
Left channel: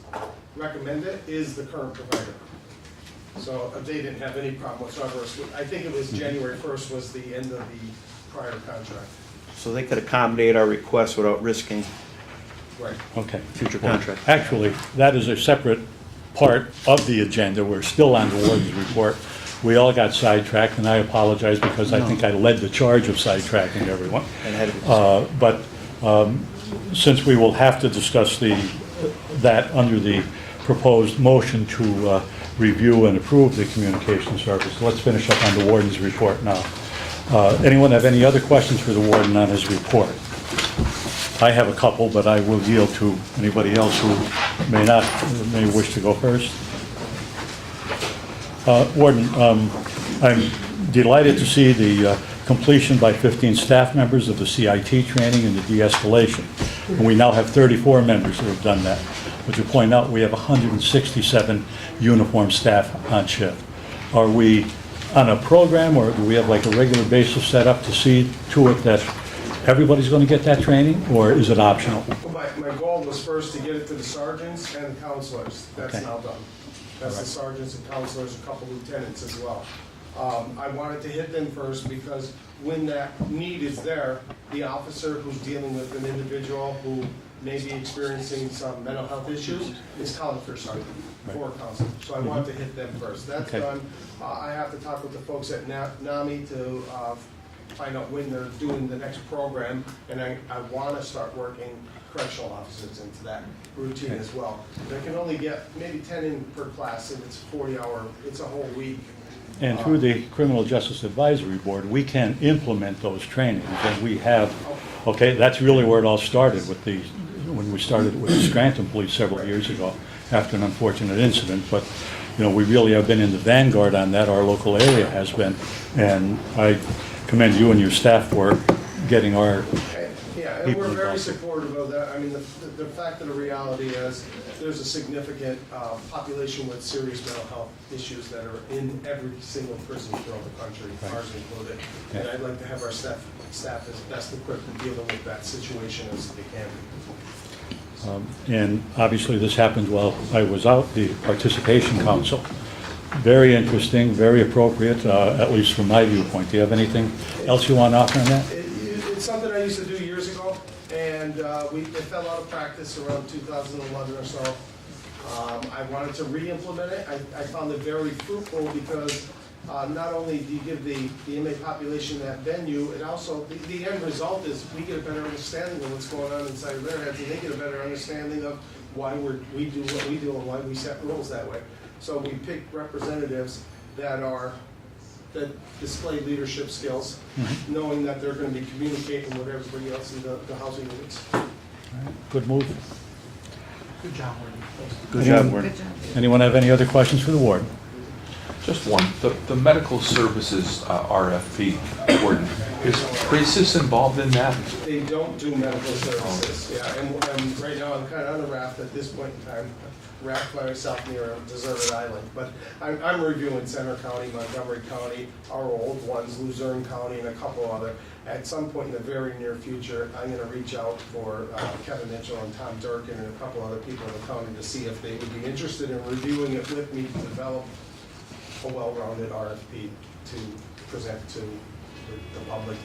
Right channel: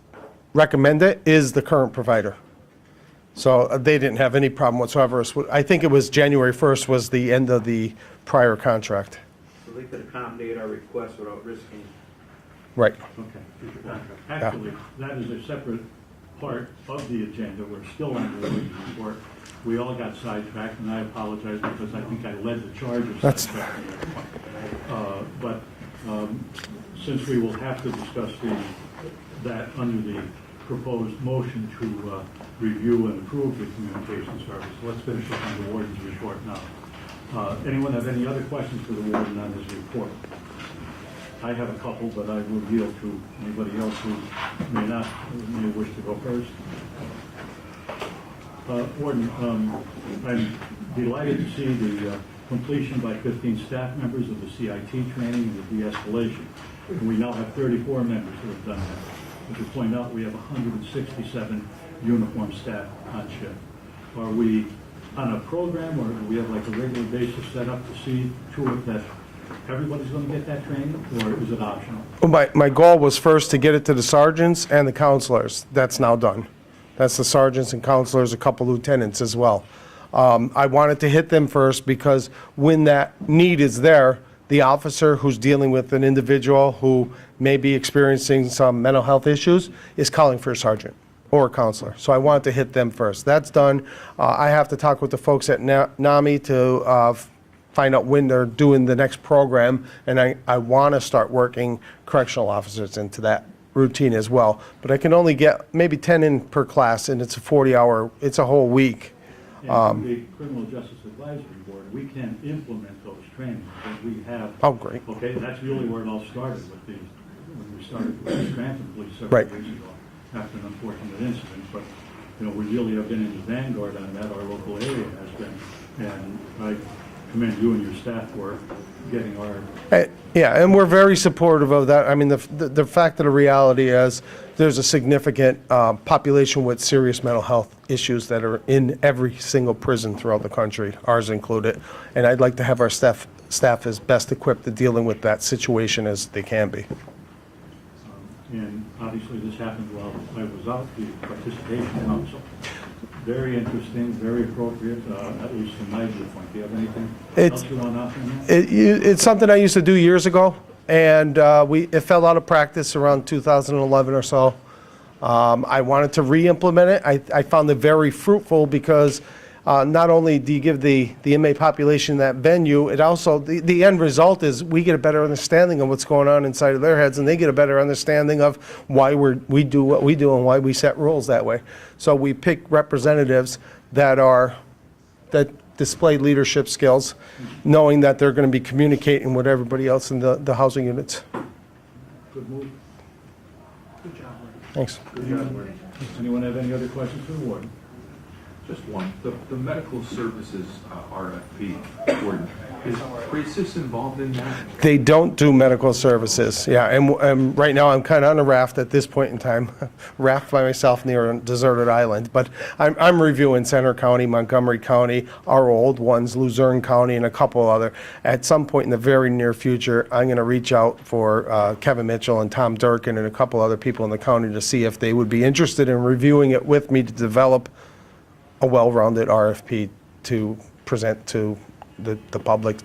recommended is the current provider. So they didn't have any problem whatsoever. I think it was January 1st was the end of the prior contract. So they could accommodate our request without risking Right. Okay. future Well, contract. Actually, that is a separate part of the agenda. We're still on the warden's report. We all got sidetracked, and I apologize because I think I led the charge of sidetracking everyone. And had- But since we will have to discuss that under the proposed motion to review and approve the communication service, let's finish up on the warden's report now. Anyone have any other questions for the warden on his report? I have a couple, but I will yield to anybody else who may wish to go first. Warden, I'm delighted to see the completion by 15 staff members of the CIT training and the de-escalation. And we now have 34 members who have done that. But you point out we have 167 uniformed staff on shift. Are we on a program, or do we have like a regular basis set up to see to it that everybody's going to get that training, or is it optional? Well, my goal was first to get it to the sergeants and the counselors. That's now done. That's the sergeants and counselors, a couple lieutenants as well. I wanted to hit them first because when that need is there, the officer who's dealing with an individual who may be experiencing some mental health issues is calling for a sergeant or a counselor. So I wanted to hit them first. That's done. I have to talk with the folks at NAMI to find out when they're doing the next program, and I want to start working correctional officers into that routine as well. But I can only get maybe 10 in per class, and it's a 40-hour, it's a whole week. And through the Criminal Justice Advisory Board, we can implement those trainings, and we have. Oh, great. Okay, that's really where it all started with when we started with the Scranton Police several Right. years ago, after an unfortunate incident. But, you know, we really have been in the vanguard on that, our local area has been, and I commend you and your staff for getting our. Yeah, and we're very supportive of that. I mean, the fact of the reality is, there's a significant population with serious mental health issues that are in every single prison throughout the country, ours included. And I'd like to have our staff as best equipped to dealing with that situation as they can be. And obviously, this happened while I was out, the Participation Council. Very interesting, very appropriate, at least from my viewpoint. Do you have anything else you want to offer on that? It's something I used to do years ago. and it fell out of practice around 2011 or so. I wanted to re-implement it. I found it very fruitful because not only do you give the inmate population that venue, it also, the end result is we get a better understanding of what's going on inside of their heads, and they get a better understanding of why we do what we do and why we set rules that way. So we pick representatives that display leadership skills, knowing that they're going to be communicating with everybody else in the housing units. Good move. Good job, Lee. Thanks. Good job, Warren. Good job. Anyone have any other questions for the warden? Just one, the medical services RFP, Gordon, is Crisis involved in that? They don't do medical services, yeah, and right now I'm kind of on a raft at this point in time, raft by myself near a deserted island, but I'm reviewing Center County, Montgomery County, our old ones, Luzerne County, and a couple other. At some point in the very near future, I'm going to reach out for Kevin Mitchell and Tom Durkin and a couple other people in the county to see if they would be interested in reviewing it with me to develop a well-rounded RFP to present to the public,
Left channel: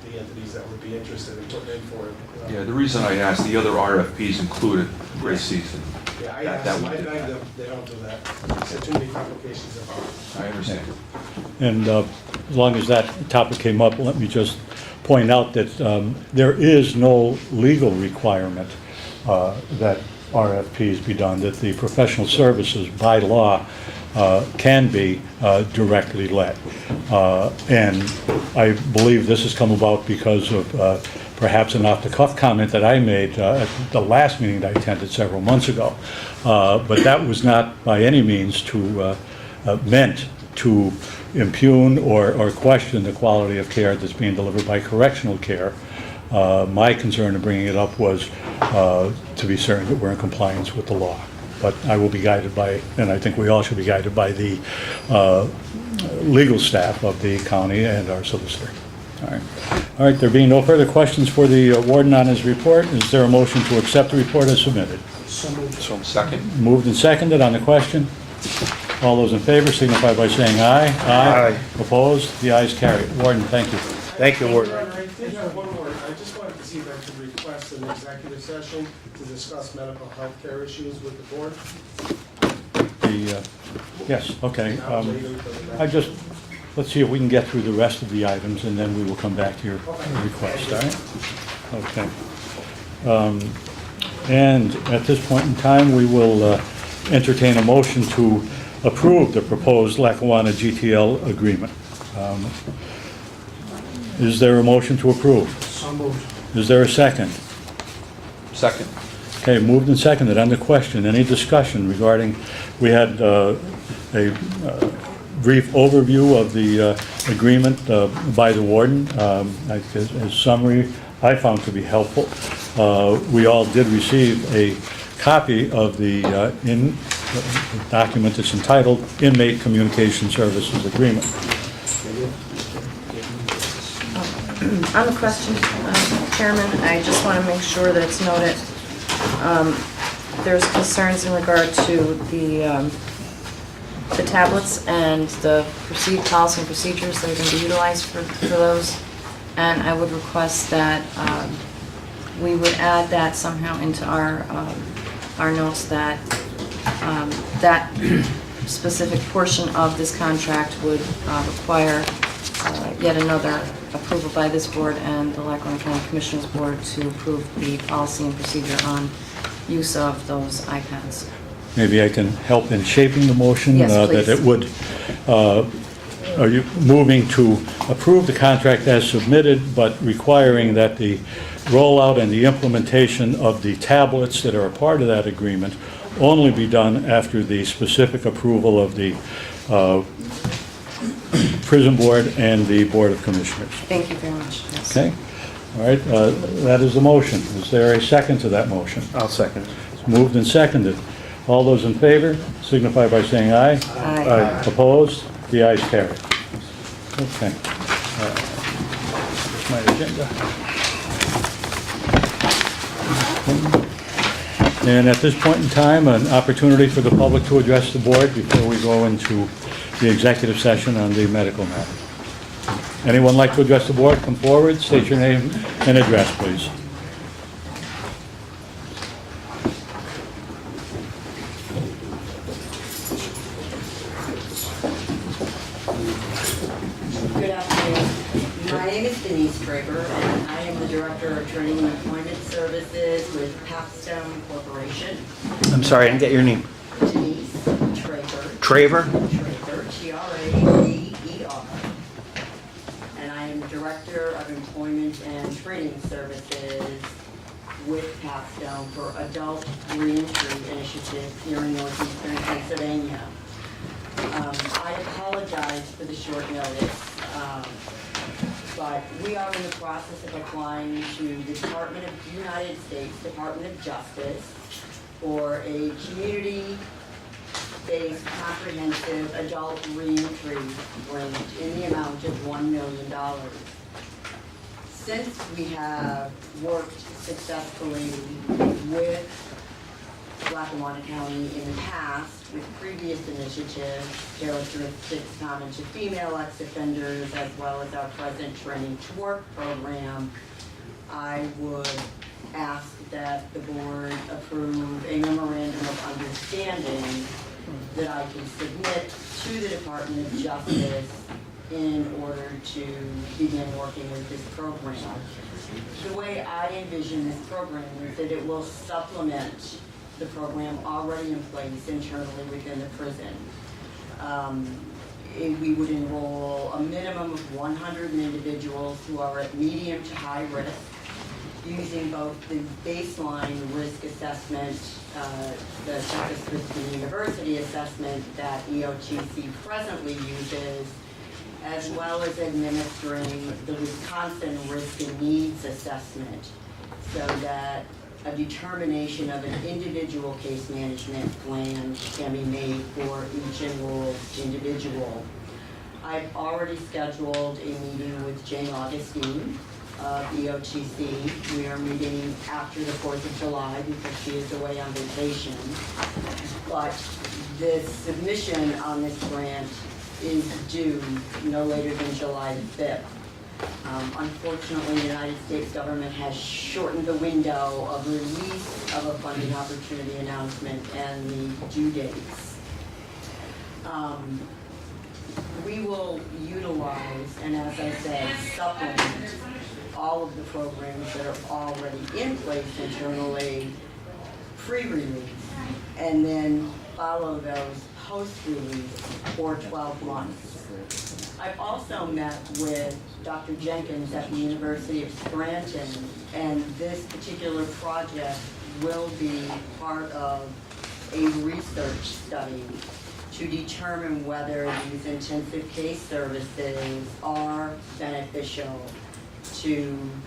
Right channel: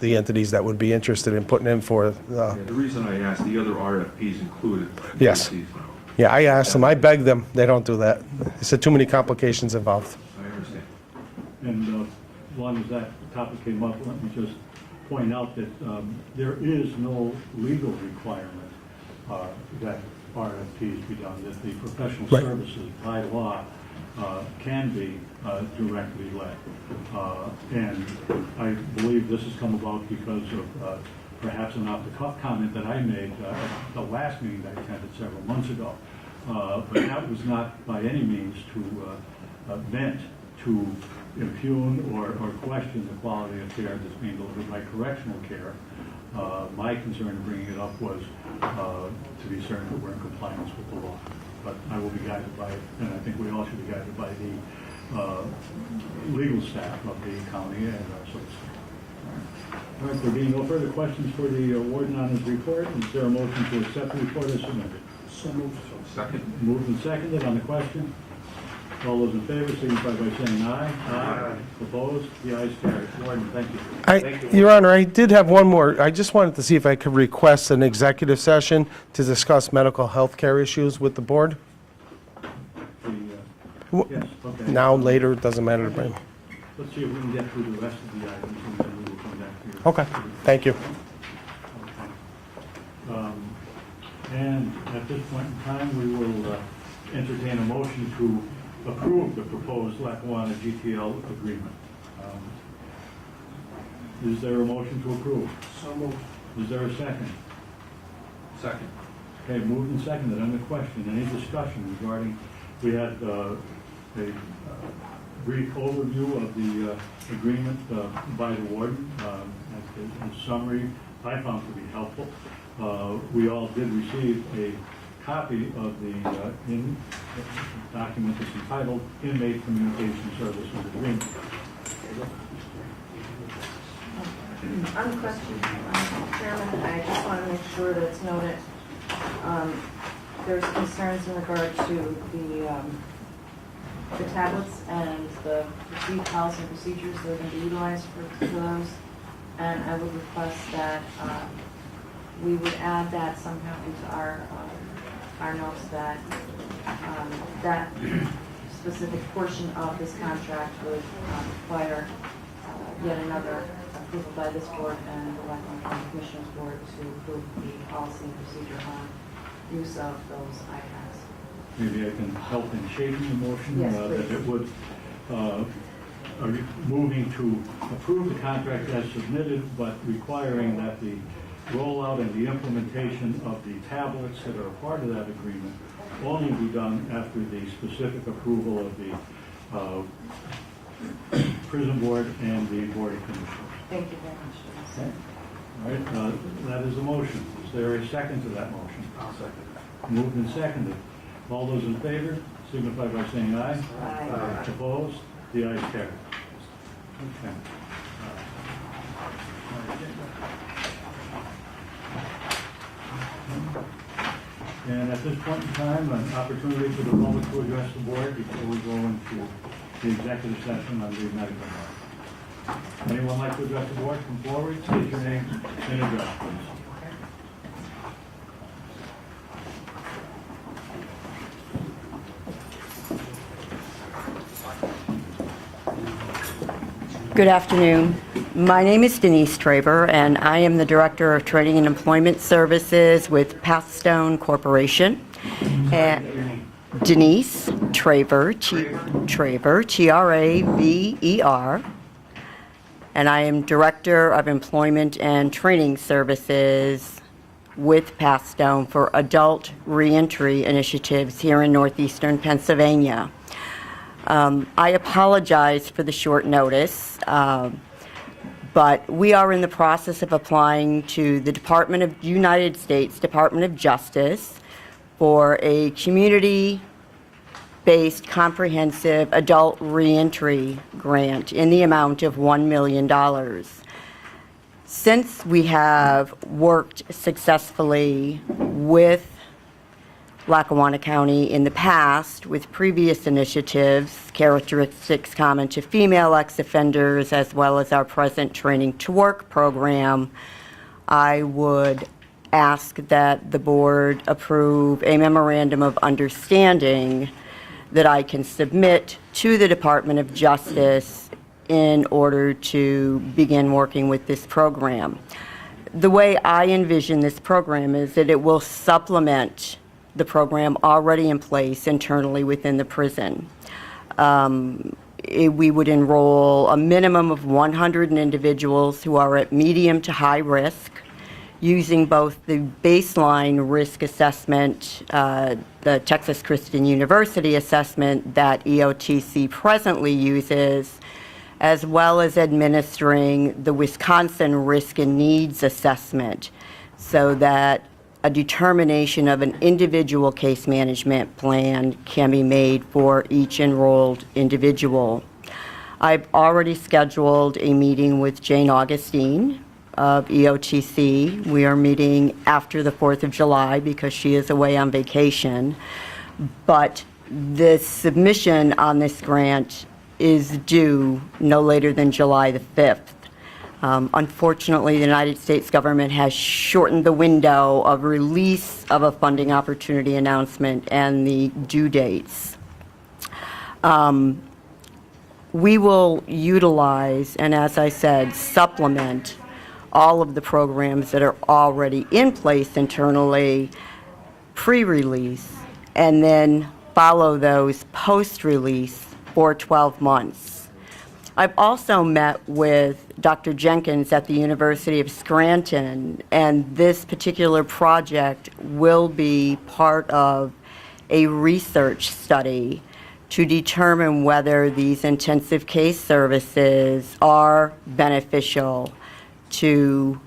the entities that would be interested in putting in for. Yeah, the reason I asked, the other RFPs included Yes. Crisis. Yeah, I asked them, I begged them, they don't do that. I said too many complications involved. I understand. And as long as that topic came up, let me just point out that there is no legal requirement that RFPs be done, that the professional services by law can be directly led. And I believe this has come about because of perhaps an off-the-cuff comment that I made at the last meeting that I attended several months ago. But that was not by any means meant to impugn or question the quality of care that's being delivered by correctional care. My concern in bringing it up was to be certain that we're in compliance with the law. But I will be guided by, and I think we all should be guided by the legal staff of the county and our solicitor. All right, there being no further questions for the warden on his report, is there a motion to accept the report as submitted? So moved. So second? Moved and seconded on the question. All those in favor signify by saying aye. Aye. Opposed? The ayes carry it. Warden, thank you. Thank you, Your Honor, I did have one more. I just wanted to see if I could request an executive session to discuss mental health care issues with the board. Yes, okay. Now, later, it doesn't matter. Let's see if we can get through the rest of the items, and then we will come back to your Okay, request. thank you. All right? Okay. And at this point in time, we will entertain a motion to approve the proposed Lackawanna GTL agreement. Is there a motion to approve? So moved. Is there a second? Second. Okay, moved and seconded. On the question, any discussion regarding, we had a brief overview of the agreement by the warden. As summary, I found to be helpful. We all did receive a copy of the document that's entitled Inmate Communication Services Agreement. On the question, Chairman, I just want to make sure that it's noted, there's concerns in regard to the tablets and the perceived policy and procedures that are going to be utilized for those. And I would request that we would add that somehow into our notes, that that specific portion of this contract would require yet another approval by this board and the Lackawanna County Commissioners Board to approve the policy and procedure on use of those iPads. Maybe I can help in shaping the motion. Yes, That please. it would, are you moving to approve the contract as submitted, but requiring that the rollout and the implementation of the tablets that are a part of that agreement only be done after the specific approval of the prison board and the Board of Commissioners? Thank you very much. Yes. Okay? All right, that is the motion. Is there a second to that motion? I'll second it. It's moved and seconded. All those in favor signify by saying aye. Aye. Opposed? The ayes carry. Okay. Here's my agenda. And at this point in time, an opportunity for the public to address the board before we go into the executive session on the medical matter. Anyone like to address the board? Come forward, state your name and address, please. Good afternoon. My name is Denise Traber, and I am the Director of Training and Employment Services with Pathstone Corporation. I'm sorry, I didn't get your name. Denise Traber. Traber? Traber, Traver. And I am Director of Employment and Training Services with Pathstone for adult reentry initiatives here in northeastern Pennsylvania. I apologize for the short notice, but we are in the process of applying to the United States Department of Justice for a community-based comprehensive adult reentry grant in the amount of $1 million. Since we have worked successfully with Lackawanna County in the past with previous initiatives, characteristics common to female ex-offenders, as well as our present Training to Work program, I would ask that the board approve a memorandum of understanding that I can submit to the Department of Justice in order to begin working with this program. The way I envision this program is that it will supplement the program already in place internally within the prison. We would enroll a minimum of 100 individuals who are at medium to high risk, using both the baseline risk assessment, the Texas Christian University assessment that EOTC presently uses, as well as administering the Wisconsin Risk and Needs Assessment, so that a determination of an individual case management plan can be made for each enrolled individual. I've already scheduled a meeting with Jane Augustine of EOTC. We are meeting after the 4th of July because she is away on vacation. But the submission on this grant is due no later than July the 5th. Unfortunately, the United States government has shortened the window of release of a funding opportunity announcement and the due dates. We will utilize, and as I said, supplement all of the programs that are already in place internally pre-release, and then follow those post-release for 12 months. I've also met with Dr. Jenkins at the University of Scranton, and this particular project will be part of a research study to determine whether these intensive case services are beneficial to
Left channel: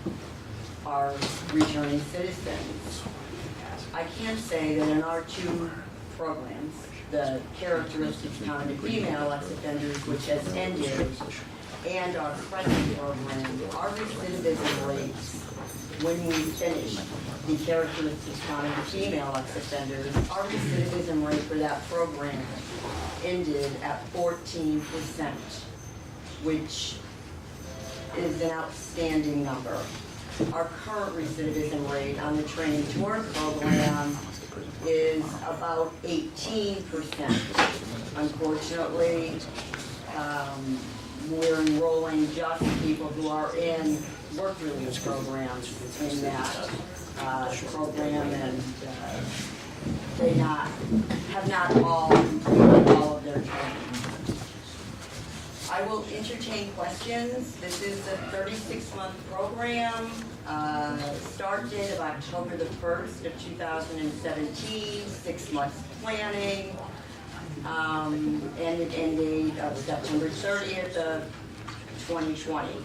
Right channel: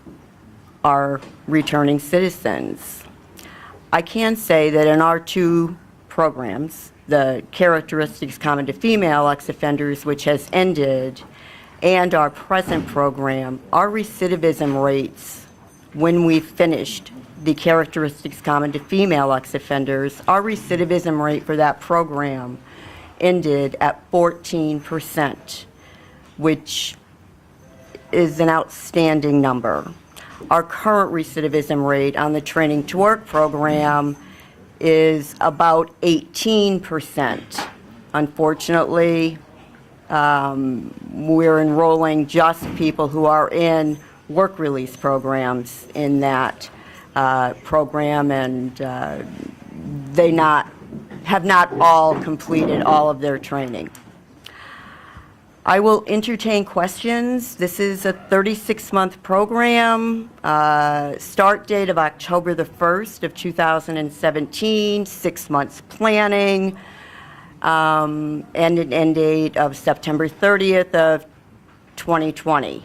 our returning citizens. I can say that in our two programs, the characteristics common to female ex-offenders, which has ended, and our present program, our recidivism rates, when we finished the characteristics common to female ex-offenders, our recidivism rate for that program ended at 14%, which is an outstanding number. Our current recidivism rate on the Training to Work program is about 18%. Unfortunately, we're enrolling just people who are in work release programs in that program, and they have not all completed all of their training. I will entertain questions. This is a 36-month program, start date of October the 1st of 2017, 6 months planning, and an end date of September 30th of 2020.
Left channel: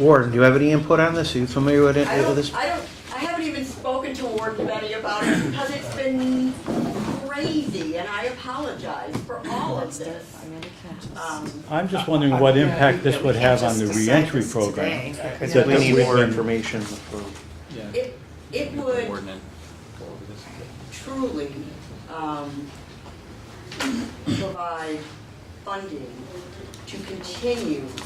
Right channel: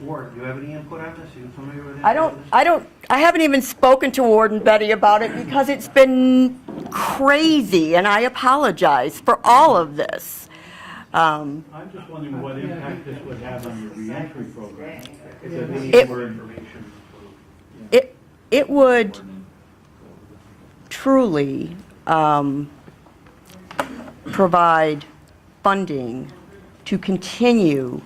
Warden, do you have any input on this? Are you familiar with any of this? I haven't even spoken to Warden Betty about it because it's been crazy, and I apologize for all of this. I'm just wondering what impact this would have on the reentry program. I think we need more information. It would truly provide funding to continue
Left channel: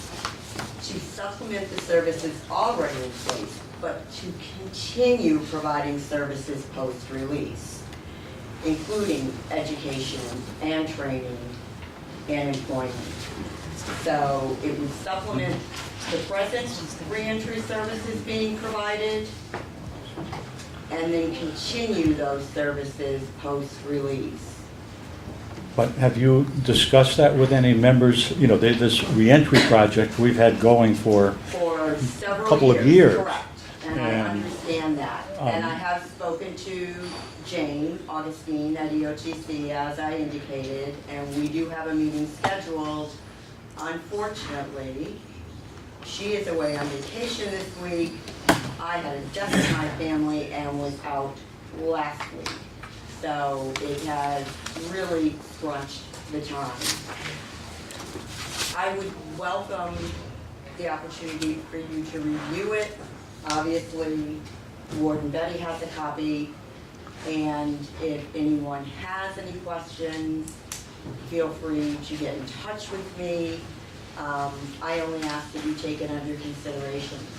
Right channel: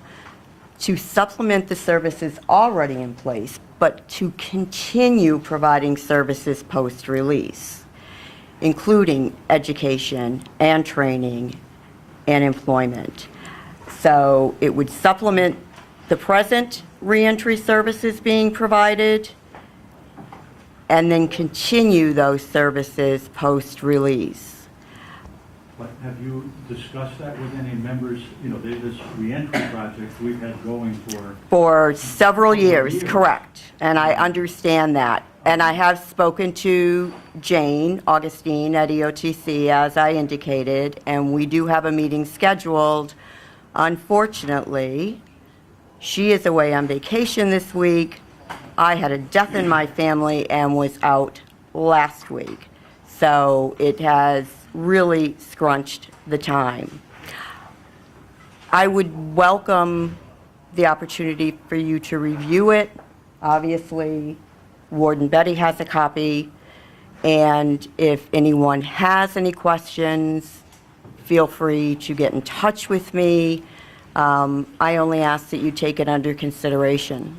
to supplement the services already in place, but to continue providing services post-release, including education and training and employment. So it would supplement the present reentry services being provided and then continue those services post-release. But have you discussed that with any members? You know, this reentry project we've had going for Several Couple of years. correct. And I understand that. And I have spoken to Jane Augustine at EOTC, as I indicated, and we do have a meeting scheduled. Unfortunately, she is away on vacation this week. I had a death in my family and was out last week. So it has really scrunched the time. I would welcome the opportunity for you to review it. Obviously, Warden Betty has a copy, and if anyone has any questions, feel free to get in touch with me. I only ask that you take it under consideration.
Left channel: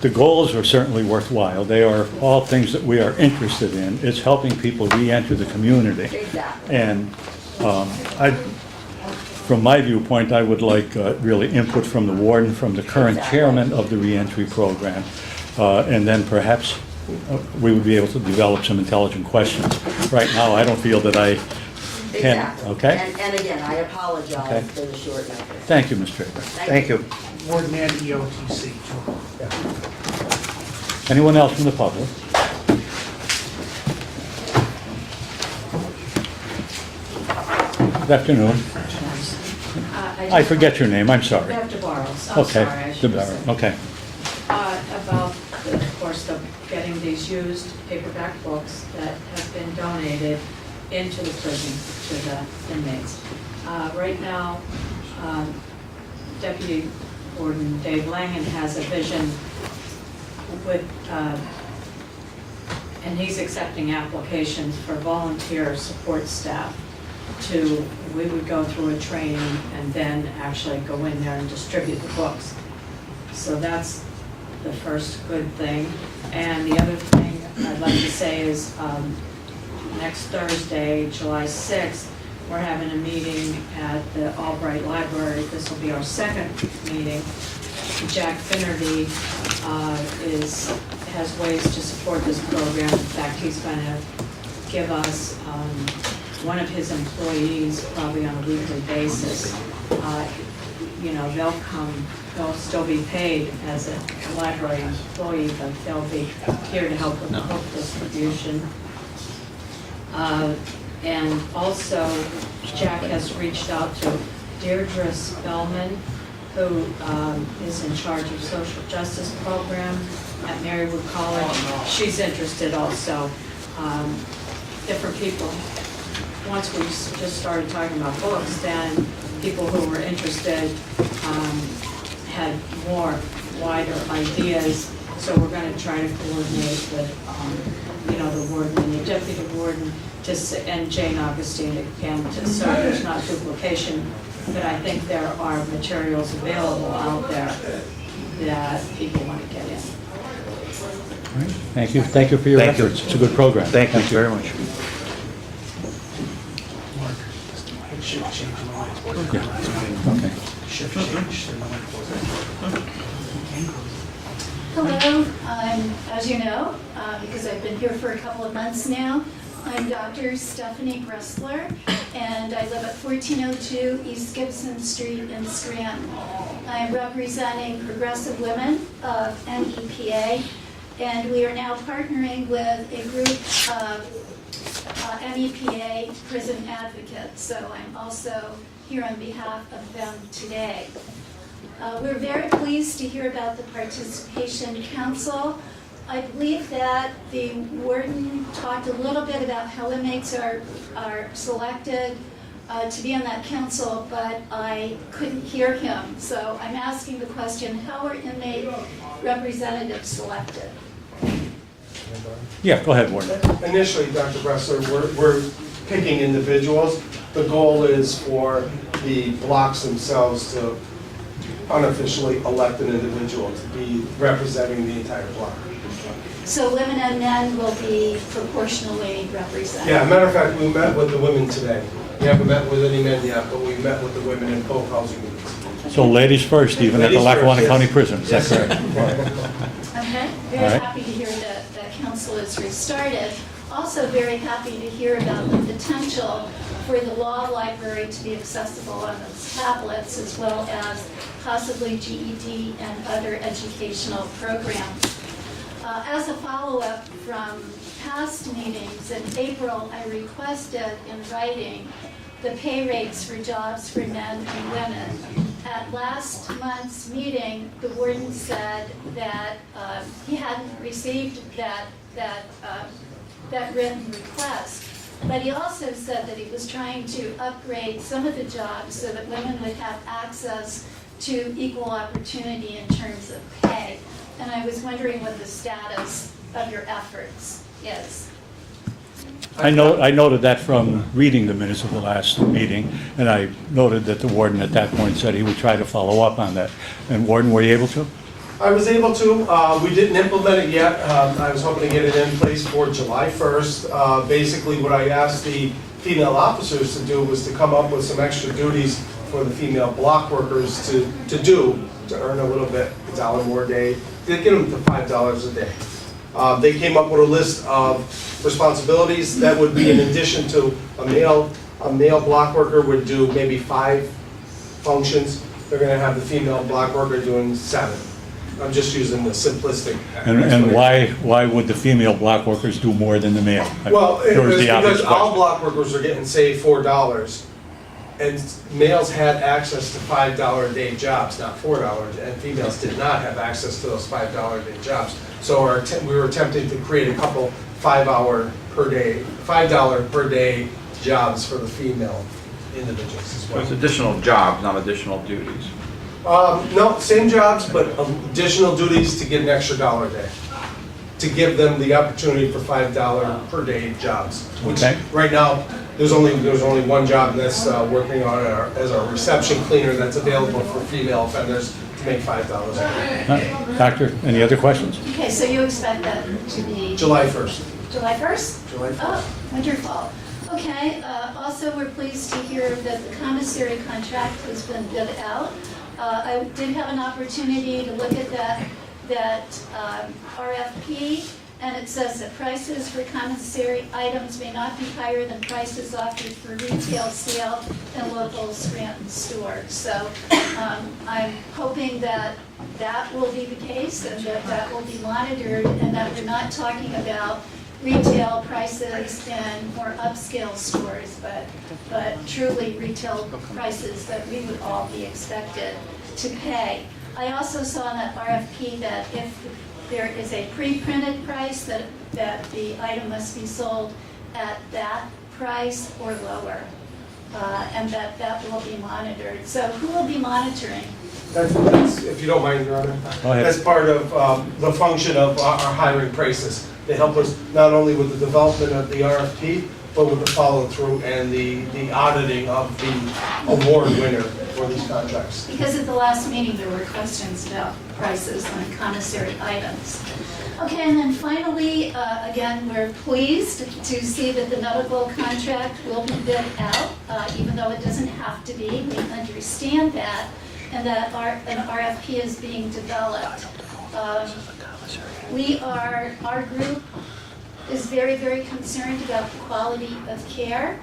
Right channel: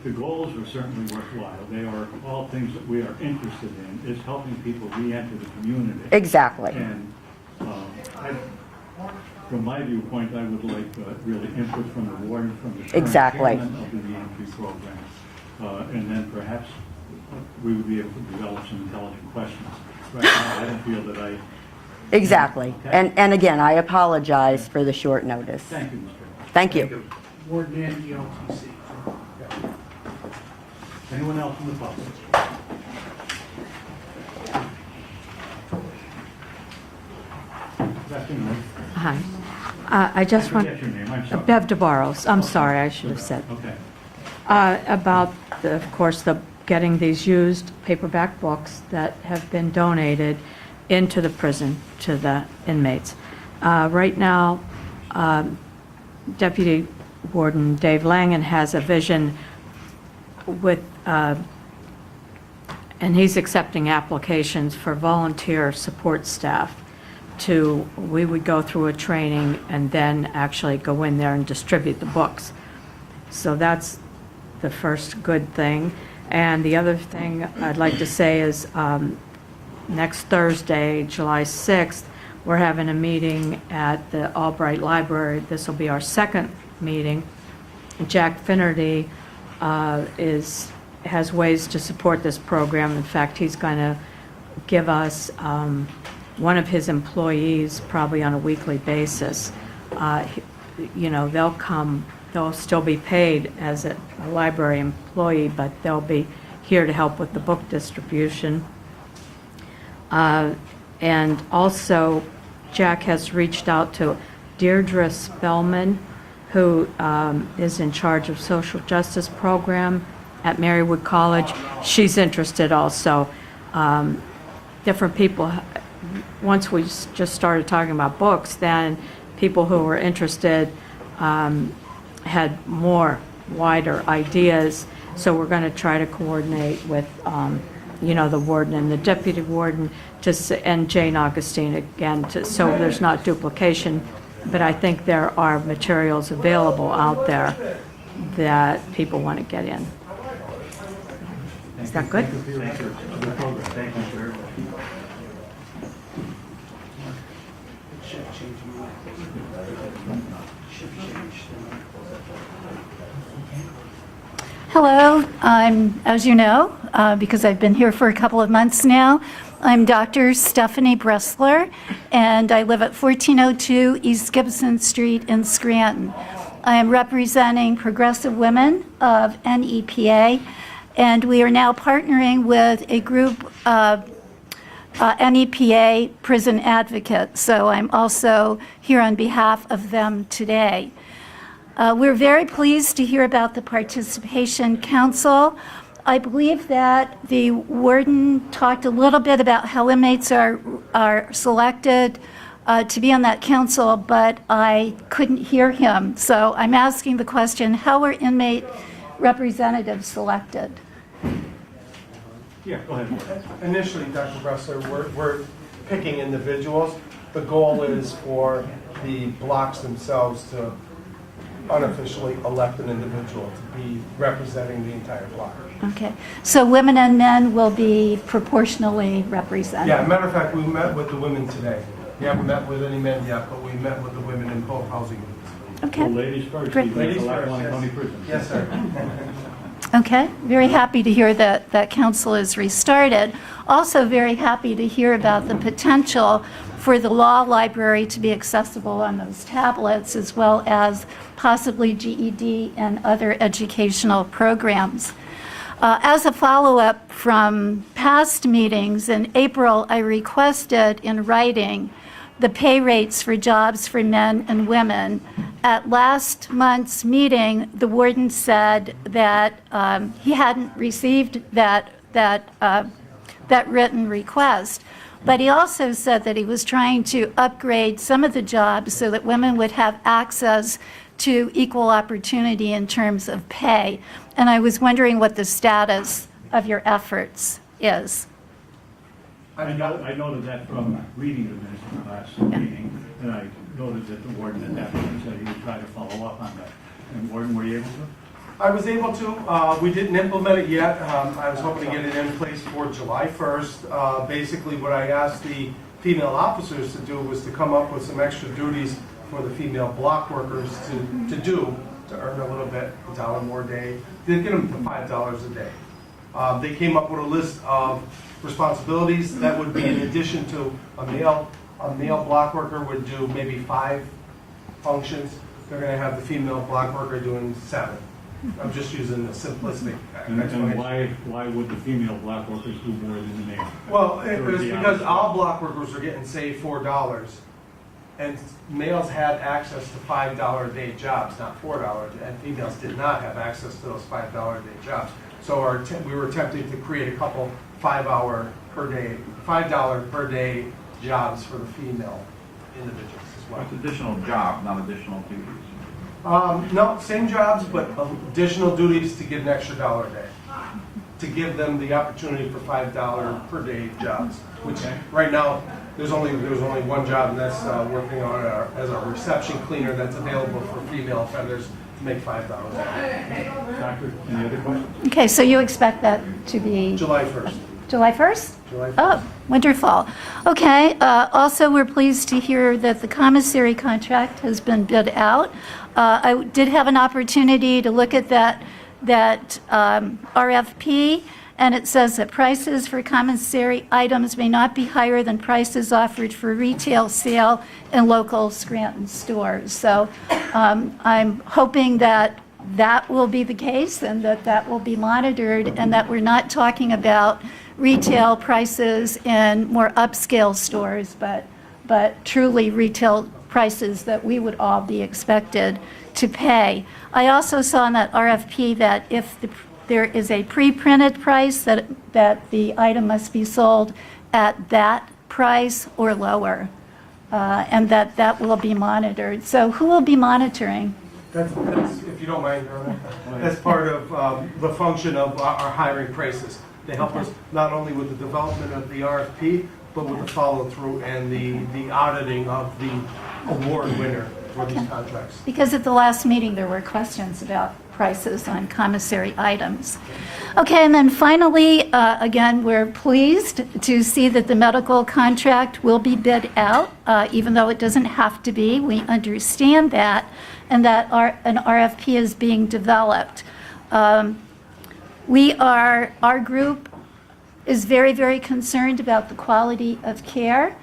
The goals are certainly worthwhile. They are all things that we are interested in. It's helping people re-enter the community. Exactly. And from my viewpoint, I would like really input from the warden, from the current Exactly. chairman of the reentry program. And then perhaps we would be able to develop some intelligent questions. Right now, I don't feel that I can. Exactly. Okay? And again, I apologize Okay. for the short notice. Thank you, Ms. Draper. Thank you. Warden and EOTC. Anyone else from the public? Good afternoon. Hi. I I forget your name, I'm sorry. Bev DeBarros. I'm Okay. sorry, I should have said. Okay. About, of course, getting these used paperback books that have been donated into the prison to the inmates. Right now, Deputy Warden Dave Langen has a vision with, and he's accepting applications for volunteer support staff we would go through a training and then actually go in there and distribute the books. So that's the first good thing. And the other thing I'd like to say is next Thursday, July 6th, we're having a meeting at the Albright Library. This will be our second meeting. Jack Finnerty has ways to support this program. In fact, he's going to give us one of his employees, probably on a weekly basis. You know, they'll still be paid as a library employee, but they'll be here to help with the book distribution. And also, Jack has reached out to Deirdre Spellman, who is in charge of social justice program at Marywood College. She's interested also. Different people, once we just started talking about books, then people who were interested had more wider ideas. So we're going to try to coordinate with, you know, the warden and the deputy warden and Jane Augustine again, so there's not duplication. But I think there are materials available out there that people want to get in. Thank you. Thank you for your Thank you. efforts. It's a good program. Thank you very much. Yeah. Okay. Hello, I'm, as you know, because I've been here for a couple of months now, I'm Dr. Stephanie Bressler, and I live at 1402 East Gibson Street in Scranton. I am representing Progressive Women of NEPA, and we are now partnering with a group of NEPA prison advocates, so I'm also here on behalf of them today. We're very pleased to hear about the Participation Council. I believe that the warden talked a little bit about how inmates are selected to be on that council, but I couldn't hear him. So I'm asking the question, how are inmate representatives selected? Yeah, go ahead, Warden. Initially, Dr. Bressler, we're picking individuals. The goal is for the blocks themselves to unofficially elect an individual to be representing the entire block. Okay, so women and men will be proportionally represented? Yeah, matter of fact, we met with the women today. We haven't met with any men yet, but we met with the women in both housing units. So ladies first, even at the Ladies first, Lackawanna yes. County Prison, is that Yes, correct? sir. Okay, very happy to hear that that council is restarted. Also very happy to hear about the potential for the law library to be accessible on those tablets, as well as possibly GED and other educational programs. As a follow-up from past meetings, in April, I requested in writing the pay rates for jobs for men and women. At last month's meeting, the warden said that he hadn't received that written request, but he also said that he was trying to upgrade some of the jobs so that women would have access to equal opportunity in terms of pay. And I was wondering what the status of your efforts is. I noted that from reading the minutes of the last meeting, and I noted that the warden at that point said he would try to follow up on that. And Warden, were you able to? I was able to. We didn't implement it yet. I was hoping to get it in place for July 1st. Basically, what I asked the female officers to do was to come up with some extra duties for the female block workers to earn a little bit, $1 more a day, to get them to $5 a day. They came up with a list of responsibilities that would be in addition to a male block worker would do maybe 5 functions. They're going to have the female block worker doing 7. I'm just using the simplistic. And why would the female block workers do more than the male? Well, There was it's the obvious because all question. block workers are getting, say, $4, and males had access to $5 a day jobs, not $4, and females did not have access to those $5 a day jobs. So we were attempting to create a couple $5 per day jobs for the female individuals as well. It's additional jobs, not additional duties. No, same jobs, but additional duties to get an extra $1 a day. To give them the opportunity for $5 per day jobs. Which Okay. right now, there's only one job, and that's working on as a reception cleaner that's available for female offenders to make $5 a day. Doctor, any other questions? Okay, so you expect that to be July 1st. July 1st? July 1st. Oh, wonderful. Okay, also, we're pleased to hear that the commissary contract has been bid out. I did have an opportunity to look at that RFP, and it says that prices for commissary items may not be higher than prices offered for retail sale in local Scranton stores. So I'm hoping that that will be the case and that will be monitored, and that we're not talking about retail prices in more upscale stores, but truly retail prices that we would all be expected to pay. I also saw in that RFP that if there is a pre-printed price, that the item must be sold at that price or lower, and that will be monitored. So who will be monitoring? That's, if you don't mind, Your Honor, Go ahead. that's part of the function of our hiring prices. They help us not only with the development of the RFP, but with the follow-through and the auditing of the award winner for these contracts. Because at the last meeting, there were questions about prices on commissary items. Okay, and then finally, again, we're pleased to see that the medical contract will be bid out, even though it doesn't have to be. We understand that, and that an RFP is being developed. Our group is very, very concerned about the quality of care.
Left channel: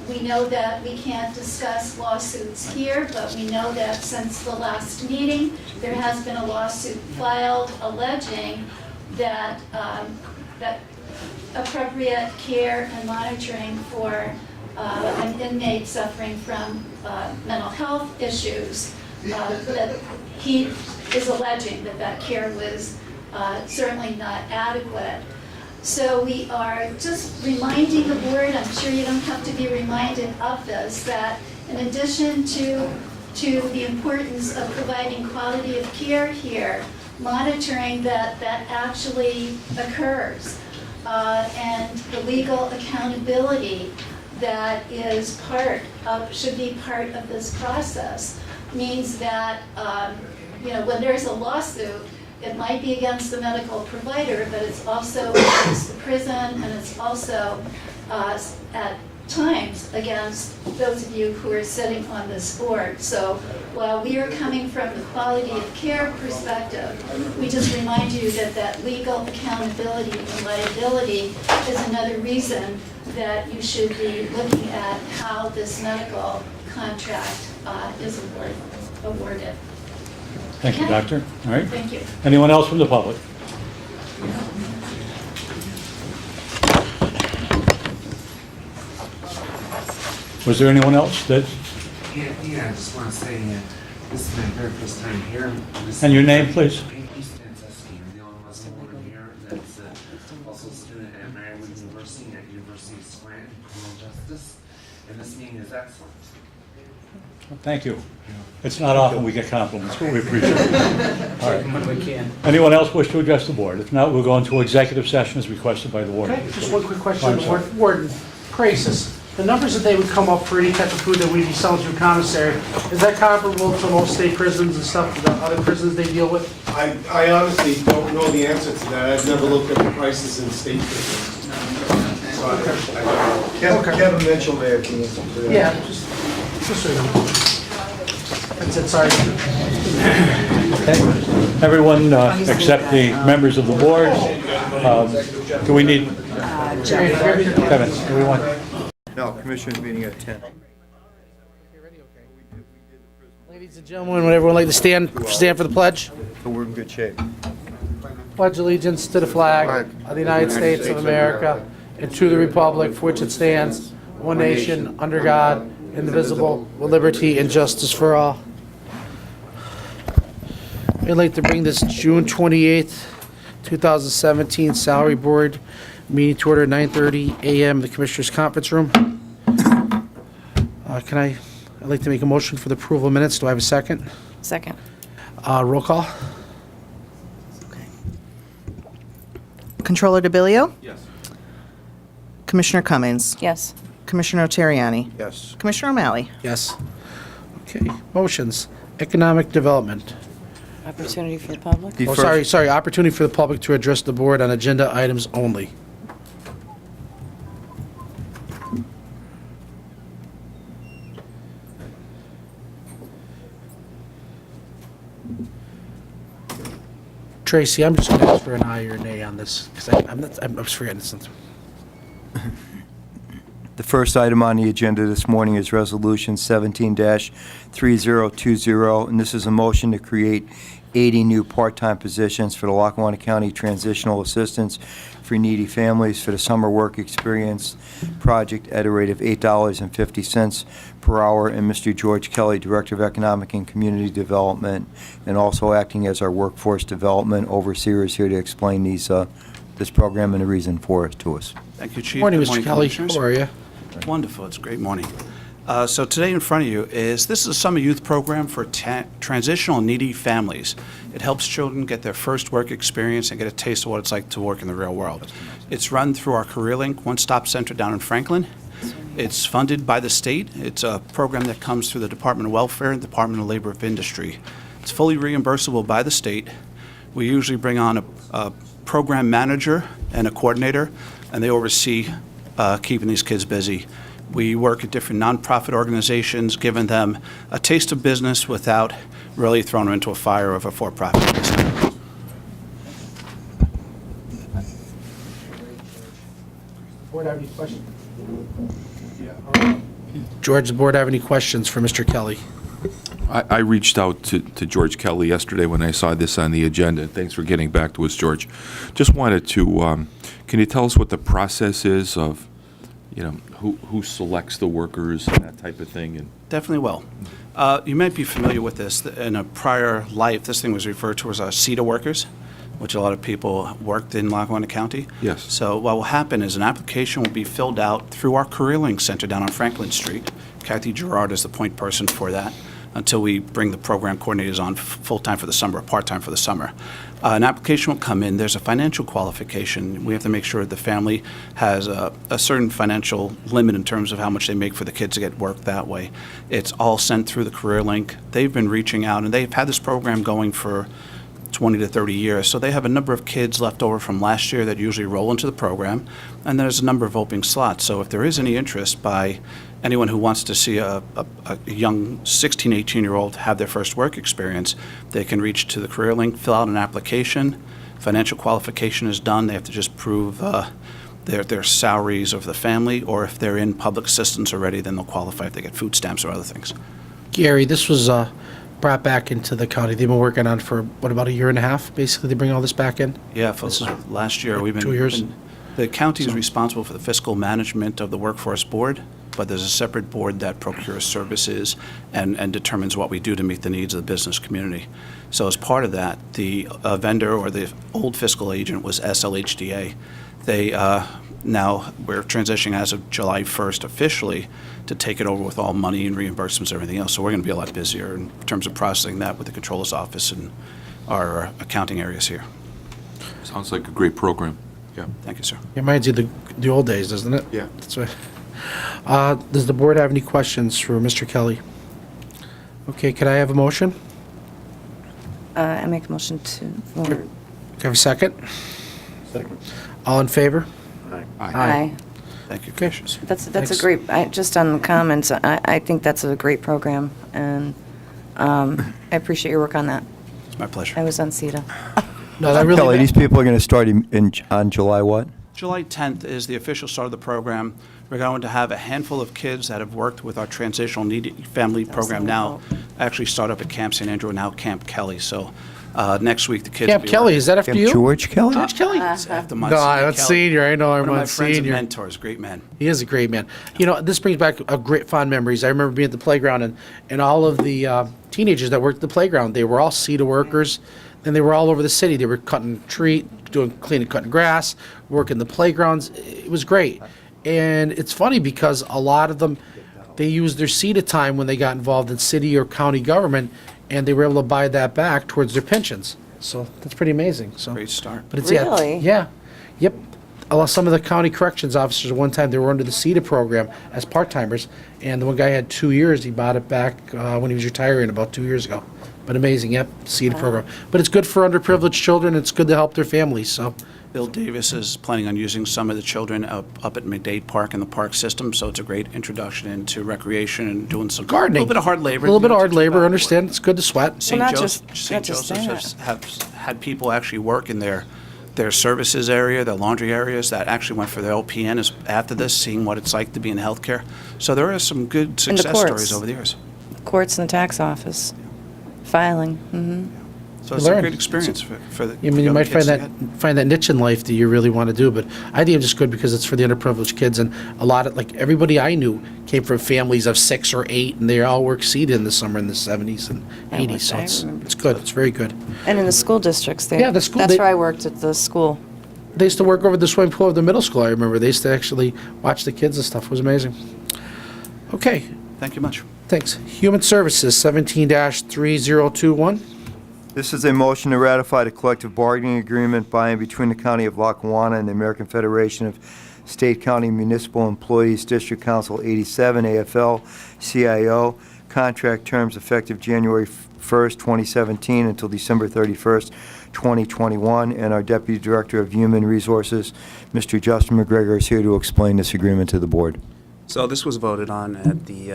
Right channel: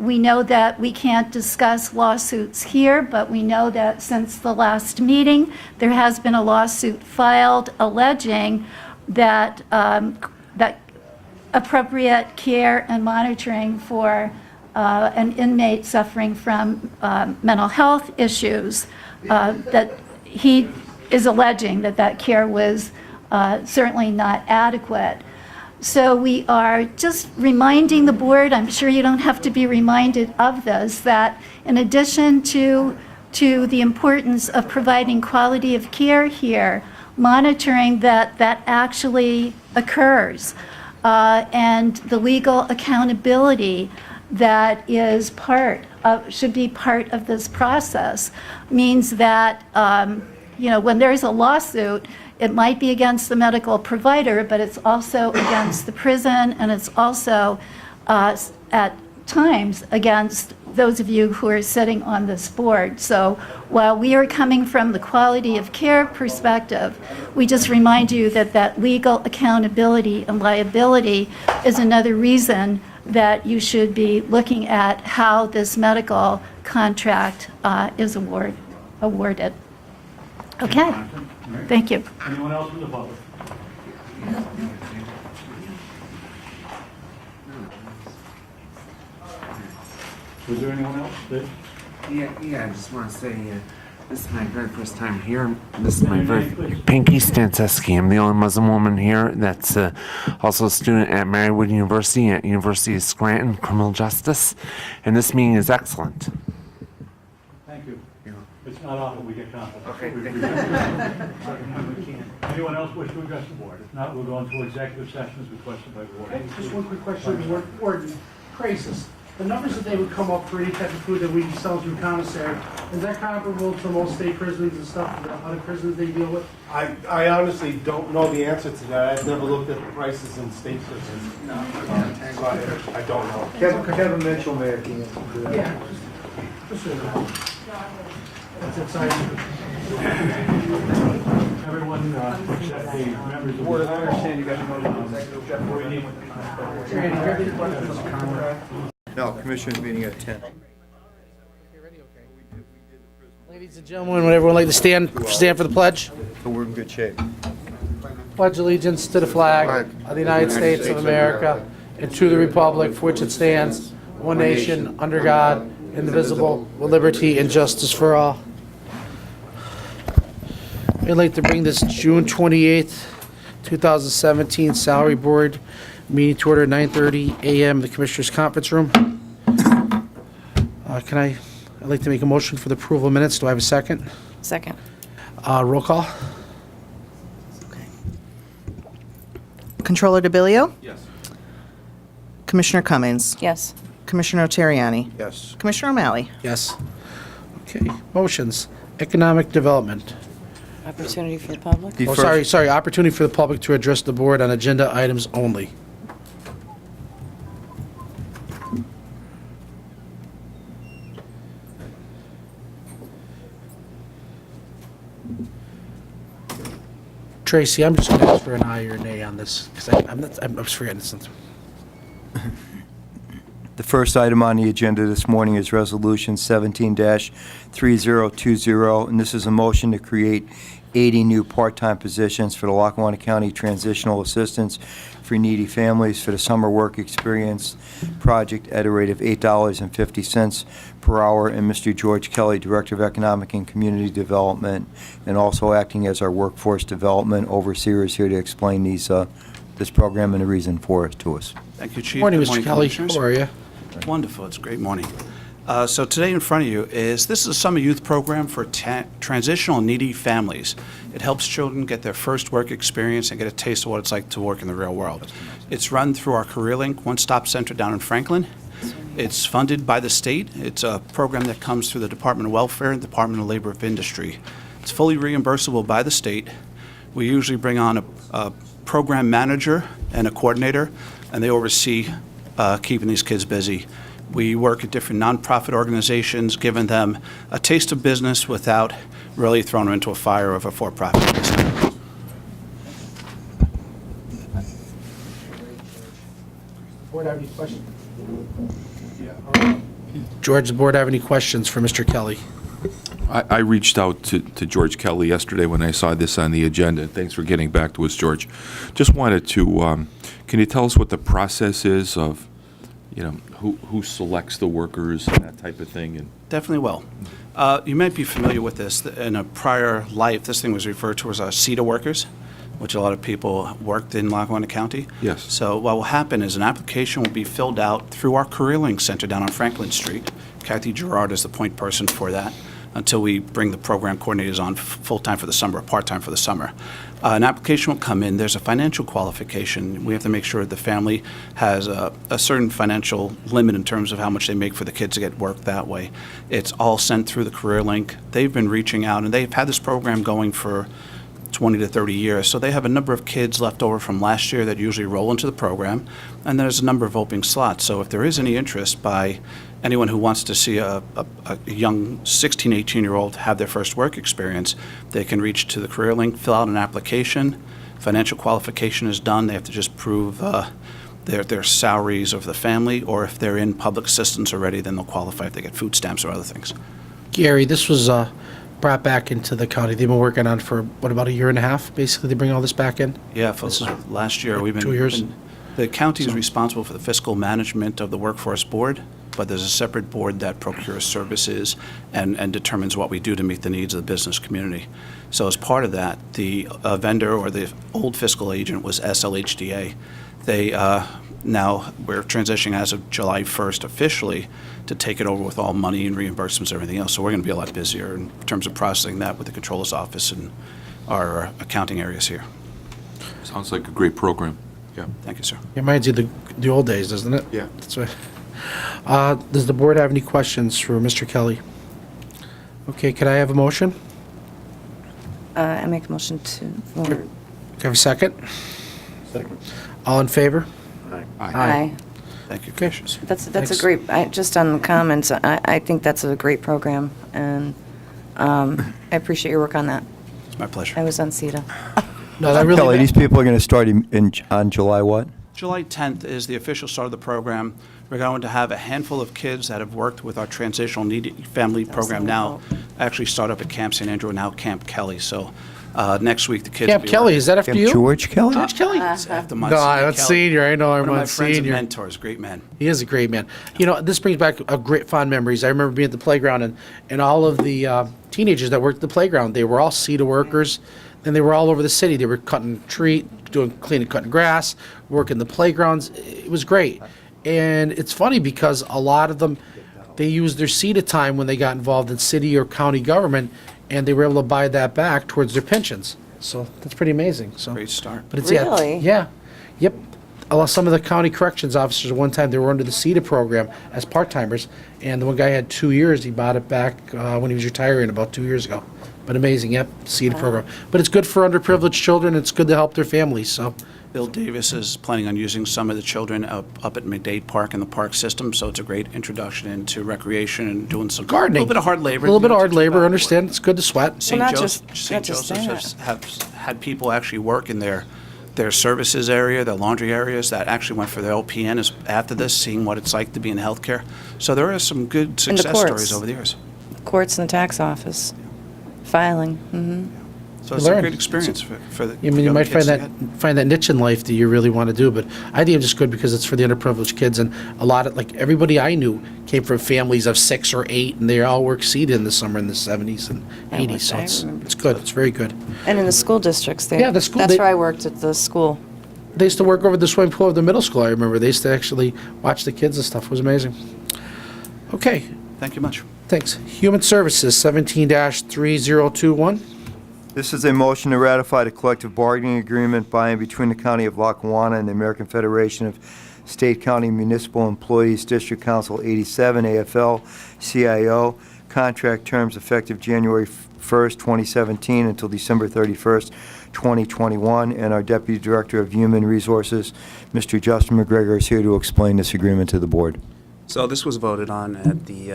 We know that we can't discuss lawsuits here, but we know that since the last meeting, there has been a lawsuit filed alleging that that appropriate care and monitoring for an inmate suffering from mental health issues, that he is alleging that care was certainly not adequate. So we are just reminding the board, I'm sure you don't have to be reminded of this, that in addition to the importance of providing quality of care here, monitoring that actually occurs, and the legal accountability that is should be part of this process, means that when there's a lawsuit, it might be against the medical provider, but it's also against the prison, and it's also times against those of you who are sitting on this board. So while we are coming from the quality of care perspective, we just remind you that that legal accountability and liability is another reason that you should be looking at how this medical contract is awarded. Thank you, Okay? Doctor. All right. Thank you. Anyone else from the public? Was there anyone else that, Yeah, I just want to say, this is my very first time here. and your name, please? Pinky Stanceski. I'm the only Muslim woman here that's also a student at Marywood University at University of Scranton, criminal justice. And this meeting is excellent. Thank you. It's not often we get compliments, but we appreciate it. All right. Anyone else wish to address the board? If not, we'll go into executive session as requested by the warden. Okay, just one quick question, I'm the sorry. warden, crisis. The numbers that they would come up for any type of food that we'd be selling through commissary, is that comparable to most state prisons and stuff, the other prisons they deal with? I honestly don't know the answer to that. I've never looked at the prices in state prisons. So I don't know. Kevin Mitchell may have the answer to that. Yeah, just so you know. That's it, sorry. Everyone except the members of the board. Do we need, Kevin, everyone? No, commissioners meeting at 10. Ladies and gentlemen, would everyone like to stand for the pledge? So we're in good shape. Pledge allegiance to the flag of the United States of America and to the republic for which it stands, one nation, under God, indivisible, with liberty and justice for all. I'd like to bring this June 28th, 2017 Salary Board meeting to order at 9:30 a.m. in the Commissioners' Conference Room. I'd like to make a motion for the approval of minutes. Do I have a second? Second. Roll call. Controller DeBillio? Yes. Commissioner Cummings? Yes. Commissioner Terriani? Yes. Commissioner O'Malley? Yes. Okay, motions. Economic development. Opportunity for the public? The Oh, first- sorry, opportunity for the public to address the board on agenda items only. Tracy, I'm just gonna ask for an aye or nay on this, because I'm just forgetting something. The first item on the agenda this morning is Resolution 17-3020, and this is a motion to create 80 new part-time positions for the Lackawanna County Transitional Assistance for Needy Families for the Summer Work Experience Project at a rate of $8.50 per hour, and Mr. George Kelly, Director of Economic and Community Development, and also acting as our Workforce Development Overseer, is here to explain this program and the reason for it to us. Thank you, Chief. Morning, Good Mr. Kelly. Commissioners. How are you? Wonderful. It's a great morning. So today in front of you this is a summer youth program for transitional and needy families. It helps children get their first work experience and get a taste of what it's like to work in the real world. It's run through our CareerLink one-stop center down in Franklin. It's funded by the state. It's a program that comes through the Department of Welfare and Department of Labor of Industry. It's fully reimbursable by the state. We usually bring on a program manager and a coordinator, and they oversee keeping these kids busy. We work at different nonprofit organizations, giving them a taste of business without really throwing them into a fire of a for-profit business. Board have any questions? George, the board have any questions for Mr. Kelly? I reached out to George Kelly yesterday when I saw this on the agenda. Thanks for getting back to us, George. Just wanted to, can you tell us what the process is of, who selects the workers and that type of thing? And Definitely will. You might be familiar with this. In a prior life, this thing was referred to as CETA workers, which a lot of people worked in Lackawanna County. Yes. So what will happen is an application will be filled out through our CareerLink Center down on Franklin Street. Kathy Gerard is the point person for that until we bring the program coordinators on full-time for the summer or part-time for the summer. An application will come in. There's a financial qualification. We have to make sure the family has a certain financial limit in terms of how much they make for the kids to get work that way. It's all sent through the CareerLink. They've been reaching out, and they've had this program going for 20 to 30 years. So they have a number of kids left over from last year that usually roll into the program, and there's a number of open slots. So if there is any interest by anyone who wants to see a young 16, 18-year-old have their first work experience, they can reach to the career link, fill out an application. Financial qualification is done. They have to just prove their salaries of the family, or if they're in public assistance already, then they'll qualify if they get food stamps or other things. Gary, this was brought back into the county. They've been working on for, what, about a year and a half, basically, to bring all this back in? Yeah, for last year, we've been... 2 years? The county is responsible for the fiscal management of the workforce board, but there's a separate board that procures services and determines what we do to meet the needs of the business community. So as part of that, the vendor, or the old fiscal agent, was SLHDA. They, now, we're transitioning as of July 1st officially to take it over with all money and reimbursements and everything else. So we're going to be a lot busier in terms of processing that with the controller's office and our accounting areas here. Sounds like a great program. Yeah. Thank you, sir. It reminds you of the old days, doesn't it? Yeah. That's right. Does the board have any questions for Mr. Kelly? Okay, could I have a motion? I make a motion to, Can I have a second? Second. All in favor? aye. Thank you, Okay. Commissioners. That's Thanks. a great, just on the comments, I think that's a great program, and I appreciate your work on that. It's my pleasure. I was on CETA. No, that really... Kelly, these people are going to start on July what? July 10th is the official start of the program. We're going to have a handful of kids that have worked with our transitional needy family program now actually start up at Camp St. Andrew and now Camp Kelly. So next week, the kids will Camp be Kelly, is that after you? George Kelly? George Kelly? It's after my No, senior that's Kelly. senior. I know I'm One of my on friends and senior. mentors, great man. He is a great man. You know, this brings back a great fond memories. I remember being at the playground, and all of the teenagers that worked at the playground, they were all CETA workers, and they were all over the city. They were cutting cutting grass, working the playgrounds. It was great. And it's funny because a lot of them, they used their CETA time when they got involved in city or county government, and they were able to buy that back towards their pensions. So that's pretty amazing. So, Great start. but it's Really? yeah, yep. Some of the county corrections officers at one time, they were under the CETA program as part-timers, and the one guy had 2 years. He bought it back when he was retiring about 2 years ago. But amazing, yep, CETA program. But it's good for underprivileged children. It's good to help their families. So Bill Davis is planning on using some of the children up at McDade Park in the park system, so it's a great introduction into recreation and doing some gardening, a little bit of hard labor. a little bit of you know, hard to labor. keep up Understand? It's good to sweat. St. not Joseph, just- St. not just Joseph's that. have had people actually work in their services area, their laundry areas, that actually went for their LPN after this, seeing what it's like to be in healthcare. So there are some good And the success courts. stories over the years. Courts and the tax office, filing, So it's learn. a great experience for the I mean, you young might kids find to that get. find that niche in life that you really want to do, but I think it's just good because it's for the underprivileged kids, and a lot of, like, everybody I knew came from families of 6 or 8, and they all worked CETA in the summer in the 70s and 80s, so I it's remember. good. It's very good. and in the school districts. Yeah, the school- That's they- where I worked at the school. They used to work over the swimming pool of the middle school, I remember. They used to actually watch the kids and stuff. It was amazing. Okay, Thank you much. thanks. Human Services, 17-3021. This is a motion to ratify the collective bargaining agreement by and between the County of Lackawanna and the American Federation of State County Municipal Employees District Council 87, AFL-CIO. Contract terms effective January 1st, 2017 until December 31st, 2021. And our Deputy Director of Human Resources, Mr. Justin McGregor, is here to explain this agreement to the board. So this was voted on at the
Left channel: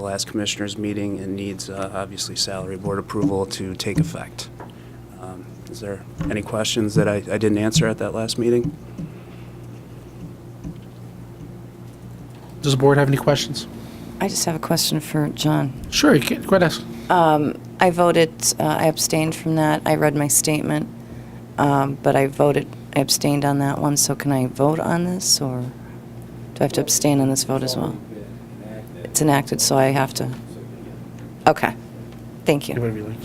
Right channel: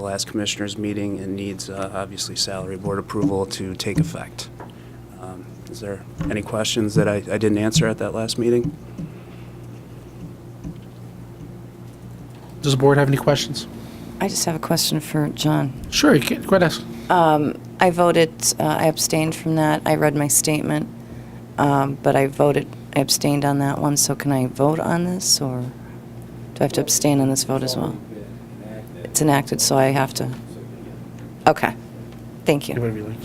last commissioners' meeting and needs, obviously, salary board approval to take effect. Is there any questions that I didn't answer at that last meeting? Does the board have any questions? I just have a question for John. Sure, you can. Go ahead, ask. I voted, I abstained from that. I read my statement, but I abstained on that one, so can I vote on this, or do I have to abstain on this vote as well? It's enacted, so I have to, okay. Thank you. Whatever you like.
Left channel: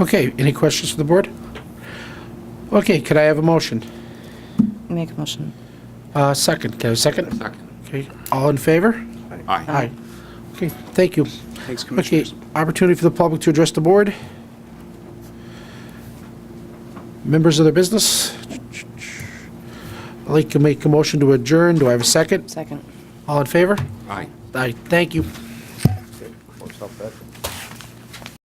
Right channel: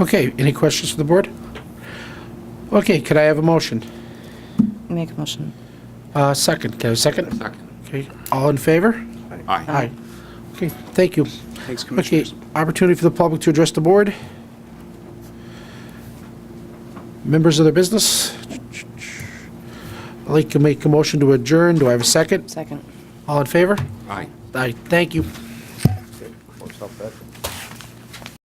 Okay, any questions for the board? Okay, could I have a motion? Make a motion. Second, can I have a second? Second. Okay, all in favor? Aye. Aye. Okay, thank you. Thanks, Okay, Commissioners. opportunity for the public to address the board. Members of the business? I'd like to make a motion to adjourn. Do I have a second? Second. All in favor? Aye. Aye, thank you. Works out better.